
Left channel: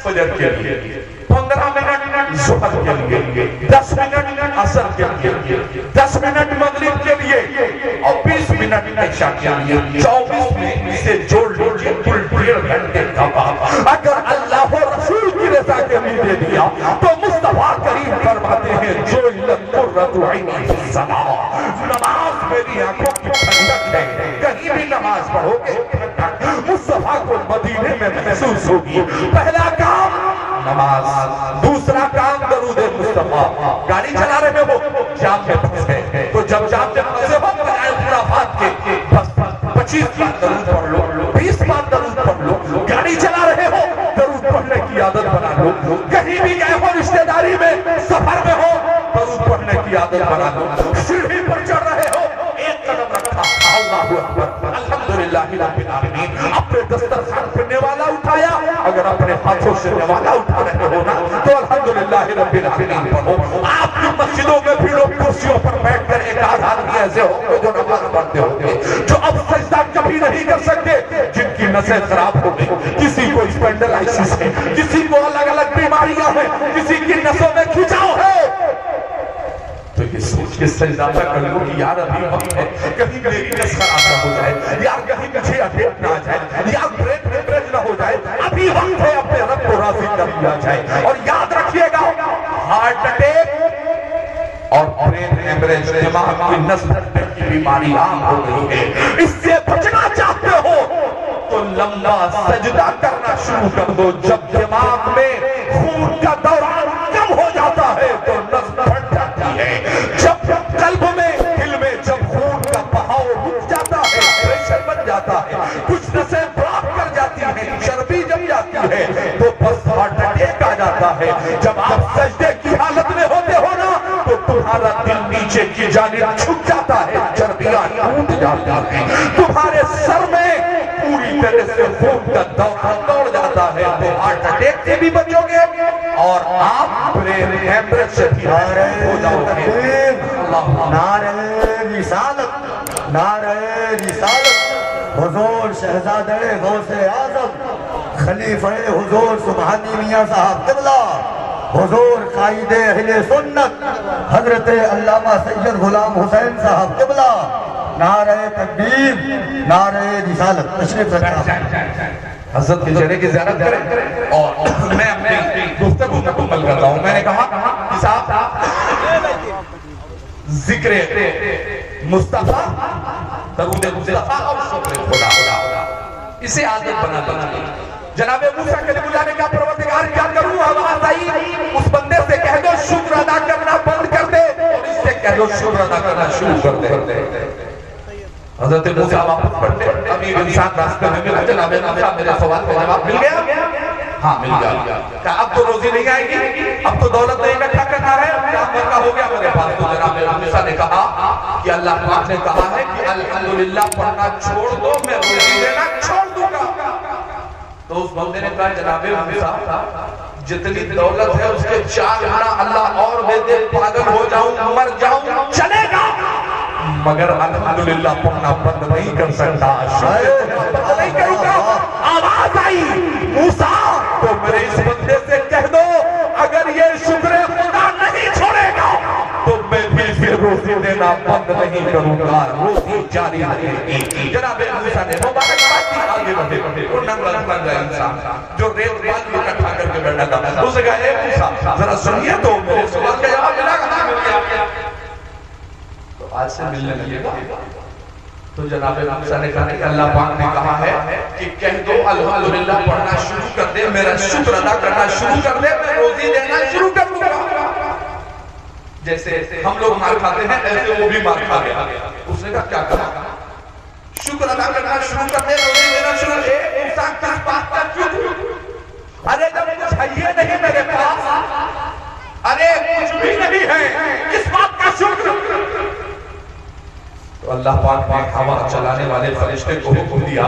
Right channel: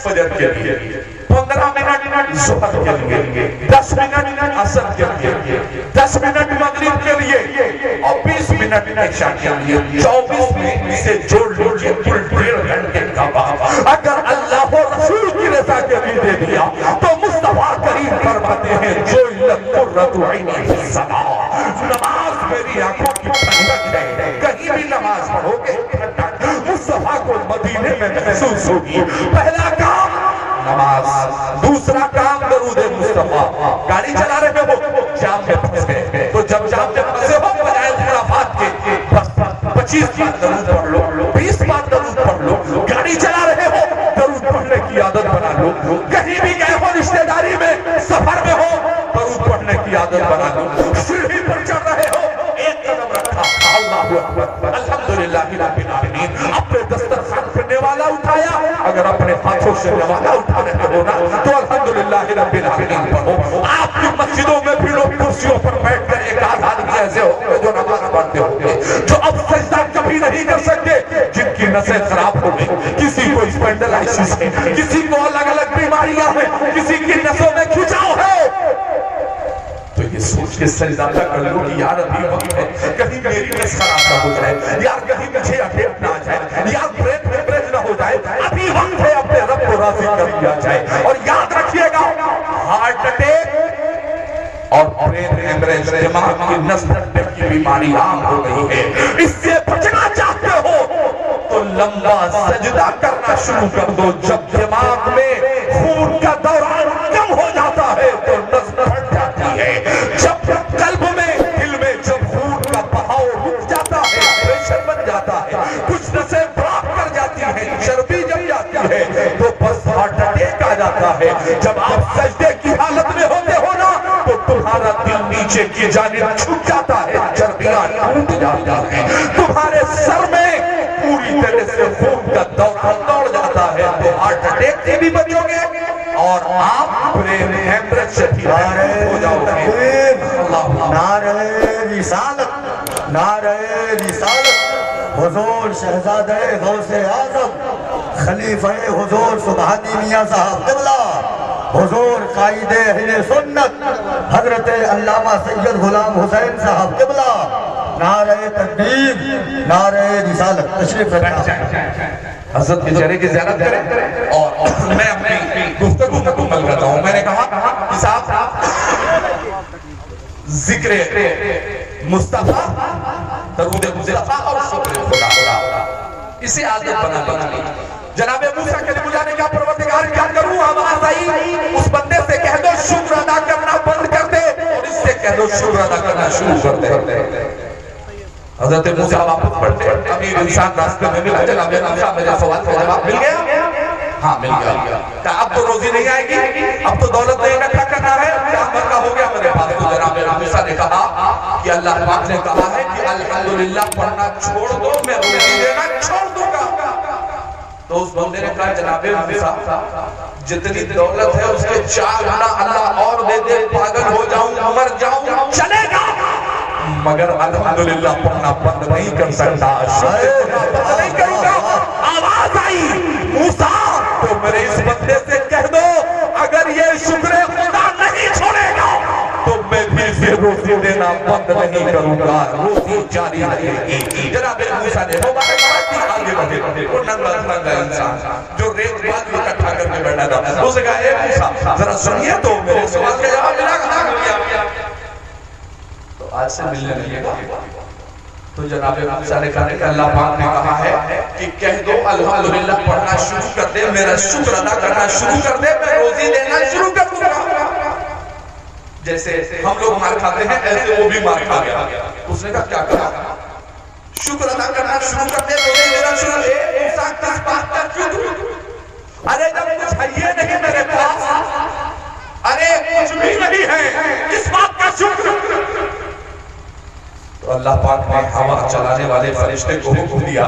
فجر کے لیے, 15 منٹ ظہر کے لیے, 10 منٹ عصر کے لیے, 10 منٹ مغرب کے لیے, اور 20 منٹ عشاء کے لیے. 24 میں اسے جوڑ لیجیے کل 1.5 گھنٹے کا کام. اگر اللہ و رسول کی رضا کے لیے دے دیا تو مصطفیٰ کریم فرماتے ہیں جو لقرۃ عینی فی الصلاۃ, نماز میری آنکھوں کی ٹھنڈک ہے. کہیں بھی نماز پڑھو گے ٹھنڈک مصطفیٰ کو مدینے میں محسوس ہوگی. پہلا کام نماز, دوسرا کام درود مصطفیٰ. گاڑی چلا رہے ہو, جام میں پھنس گئے تو جب جام میں پھنسے ہو بجائے خرافات کے 25 بار درود پڑھ لو, 20 بار درود پڑھ لو. گاڑی چلا رہے ہو درود پڑھنے کی عادت بنا لو. کہیں بھی گئے ہو رشتہ داری میں, سفر میں ہو, درود پڑھنے کی عادت بنا لو. سیڑھی پر چڑھ رہے ہو, ایک قدم رکھا, اللہ اکبر, الحمدللہ رب العالمین. اپنے دسترخوان پہ نوالا اٹھایا, اگر اپنے ہاتھوں سے نوالا اٹھا رہے ہو نا تو الحمدللہ رب العالمین پڑھو. آپ کی مسجدوں میں بھی لوگ کرسیوں پر بیٹھ کر ایک آدمی ایسے ہو جو نماز پڑھتے ہوں گے, جو اب سجدہ کبھی نہیں کر سکتے, جن کی نسیں خراب ہو گئی, کسی کو اسپینڈلائسس ہے, کسی کو الگ الگ بیماریاں ہیں, کسی کی نسوں میں کھچاؤ ہے. تو یہ سوچ کے سجدہ کر لو کہ یار ابھی وقت ہے, کہیں میری نس خراب نہ ہو جائے, یا کہیں مجھے اٹیک نہ آ جائے, یا بریک نہ ہو جائے. ابھی وقت ہے اپنے رب کو راضی کر دیا جائے. اور یاد رکھیے گا, ہارٹ اٹیک اور برین ہیمریج, دماغ کی نس پھٹنے کی بیماری عام ہو گئی ہے. اس سے بچنا چاہتے ہو تو لمبا سجدہ کرنا شروع کر دو. جب دماغ میں خون کا دوران کم ہو جاتا ہے تو نس پھٹ جاتی ہے. جب قلب میں, دل میں جب خون کا بہاؤ رک جاتا ہے, پریشر بن جاتا ہے، کچھ نسیں بلاک کر جاتی ہیں، چربی جم جاتی ہے تو بس ہارٹ اٹیک آ جاتا ہے۔ جب آپ سجدے کی حالت میں ہوتے ہو نا تو تمہارا دل نیچے کی جانب جھک جاتا ہے، چربیاں ٹوٹ جاتی ہیں، تمہارے سر میں پوری طرح سے خون کا دوران دوڑ جاتا ہے، تو ہارٹ اٹیک سے بھی بچو گے اور آپ برین ہیمریج سے بھی ہو جاؤ گے۔ نعرہ رسالت، نعرہ رسالت، حضور شہزادہ غوث اعظم خلیفہ حضور سبحانی میاں صاحب قبلہ، حضور قائد اہل سنت حضرت علامہ سید غلام حسین صاحب قبلہ، نعرہ تکبیر، نعرہ رسالت، تشریف رکھیں۔ حضرت کے چہرے کی زینت کریں اور میں اپنی گفتگو کو مکمل کر رہا ہوں۔ میں نے کہا کہ صاحب ذکر مصطفیٰ، درود مصطفیٰ اور شکر خدا، اسے عادت بنا لیا۔ جناب موسیٰ کلیم اللہ نے کہا پروردگار کیا کروں، آواز آئی اس بندے سے کہہ دو شکر ادا کرنا بند کر دے، اور اس سے کہہ دو شکر ادا کرنا شروع کر دے۔ حضرت موسیٰ واپس پڑھتے، ابھی انسان راستے میں ملا، جناب موسیٰ میرے سوال کا جواب مل گیا؟ ہاں مل گیا۔ کہ اب تو روزی نہیں آئے گی، اب تو دولت نہیں اکٹھا کرنا ہے، مرنا ہو گیا میرے پاس۔ تو جناب موسیٰ نے کہا کہ اللہ پاک نے کہا ہے کہ الحمدللہ پڑھنا چھوڑ دو، میں روزی دینا چھوڑ دوں گا۔ تو اس بندے نے کہا جناب موسیٰ جتنی دولت ہے اس کے 4 گنا اللہ اور دے دے، پاگل ہو جاؤں، مر جاؤں، چلے گا، مگر الحمدللہ پڑھنا بند نہیں کر سکتا، بند نہیں کروں گا۔ آواز آئی موسیٰ تو میرے اس بندے سے کہہ دو اگر یہ شکر خدا نہیں چھوڑے گا تو میں بھی اسے روزی دینا بند نہیں کروں گا، روزی جاری رہے گی۔ جناب موسیٰ نے مبارکباد دی، آگے بڑھے، وہ ننگا ننگا انسان جو ریت بال اکٹھا کر کے بیٹھا تھا، اسے کہا اے موسیٰ ذرا سنیے تو میرے سوال کا جواب ملا کہاں مل گیا؟ آج سے ملنے لگے گا۔ تو جناب موسیٰ نے کہا کہ اللہ پاک نے کہا ہے کہ کہہ دو الحمدللہ پڑھنا شروع کر دے، میرا شکر ادا کرنا شروع کر دے، میں روزی دینا شروع کر دوں گا۔ جیسے ہم لوگ مار کھاتے ہیں ایسے وہ بھی مار کھا گیا۔ اس نے کہا کیا کہا؟ شکر ادا کرنا شروع کر دے، روزی دینا شروع کر دے۔ موسیٰ کس بات کا شکر؟ ارے جب کچھ ہے یہ نہیں میرے پاس، ارے کچھ بھی نہیں ہے، کس بات کا شکر؟ تو اللہ پاک نے ہوا چلانے والے فرشتے کو حکم دیا،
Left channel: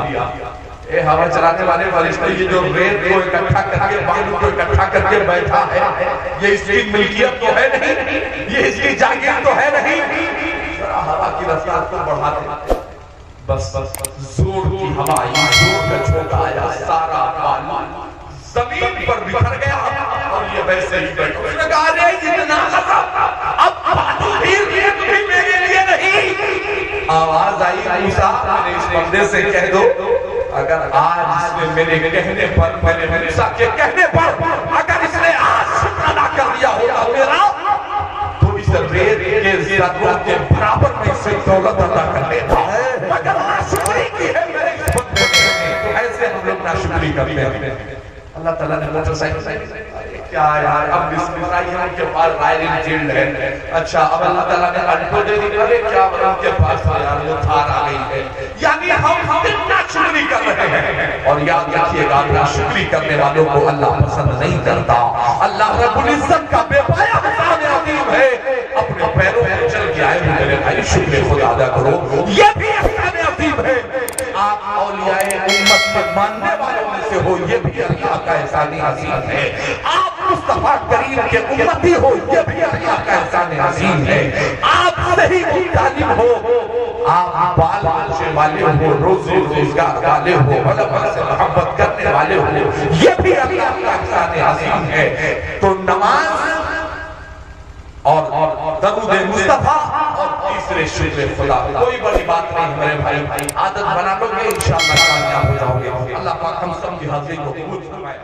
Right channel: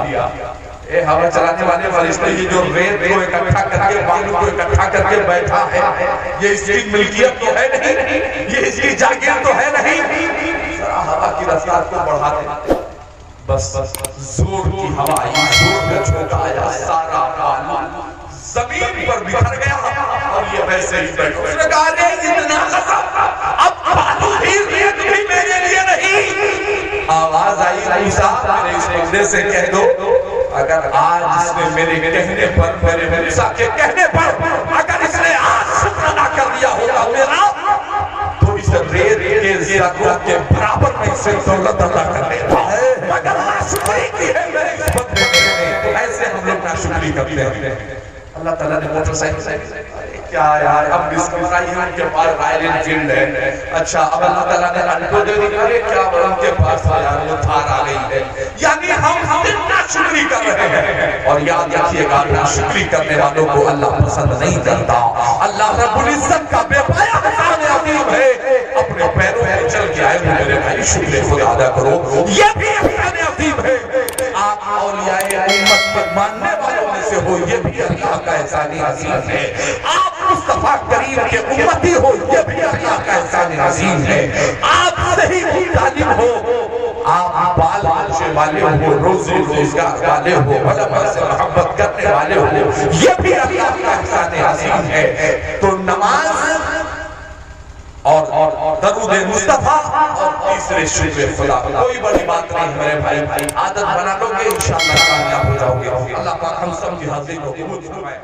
اے ہوا چلانے والے فرشتے، یہ جو ریت کو اکٹھا کر کے بالوں کو اکٹھا کر کے بیٹھا ہے یہ اس کی ملکیت تو ہے نہیں، یہ اس کی جاگیر تو ہے نہیں، ذرا ہوا کی رفتار کو بڑھا دے۔ بس زور کی ہوا آئی، زور میں جھونکا آیا، سارا بالو زمین پر بکھر گیا اور یہ ویسے ہی بیٹھا۔ اس نے کہا رے اتنا غضب، اب بالو بھی ریت بھی میرے لیے نہیں۔ آواز آئی موسیٰ میرے اس بندے سے کہہ دو اگر آج اس نے میرے کہنے پر، میرے موسیٰ کے کہنے پر اگر اس نے آج شکر ادا کر دیا ہوگا میرا، تو اس ریت کے ذروں کے برابر میں اسے دولت ادا کر دیتا ہے۔ اگر ناشکری کی ہے میرے اس بندے نے تو ایسے ہم لوگ ناشکری کرتے ہیں۔ اللہ تعالیٰ نے موٹر سائیکل کیا یار اب ڈسکوٹائی ہے ان کے پاس رائل انفیلڈ ہے، اچھا اب اللہ تعالیٰ نے ان کو دے دی، ارے کیا ان کے پاس تھا یار وہ تھار آ گئی ہے۔ یعنی ہم ناشکری کر رہے ہیں، اور یاد رکھیے گا ناشکری کرنے والوں کو اللہ پسند نہیں کرتا۔ اللہ رب العزت کا بے پایا احسان عظیم ہے، اپنے پیروں پر چل کے آئے ہو میرے بھائی شکر خدا ادا کرو، یہ بھی احسان عظیم ہے۔ آپ اولیاء امت کے ماننے والوں میں سے ہو، یہ بھی اللہ کا احسان عظیم ہے۔ آپ مصطفیٰ کریم کے امتی ہو، یہ بھی اللہ کا احسان عظیم ہے۔ آپ صحیح طالب ہو، آپ بال بچے والے ہو، روزی روزگار والے ہو، علماء سے محبت کرنے والے ہو، یہ بھی اللہ کا احسان عظیم ہے۔ تو نماز اور درود مصطفیٰ اور تیسرے شکر خدا، کوئی بڑی بات نہیں میرے بھائی، عادت بنا لو گے انشاءاللہ کامیاب ہو جاؤ گے۔ اللہ پاک ہم سب کی حاضری کو قبول فرمائے۔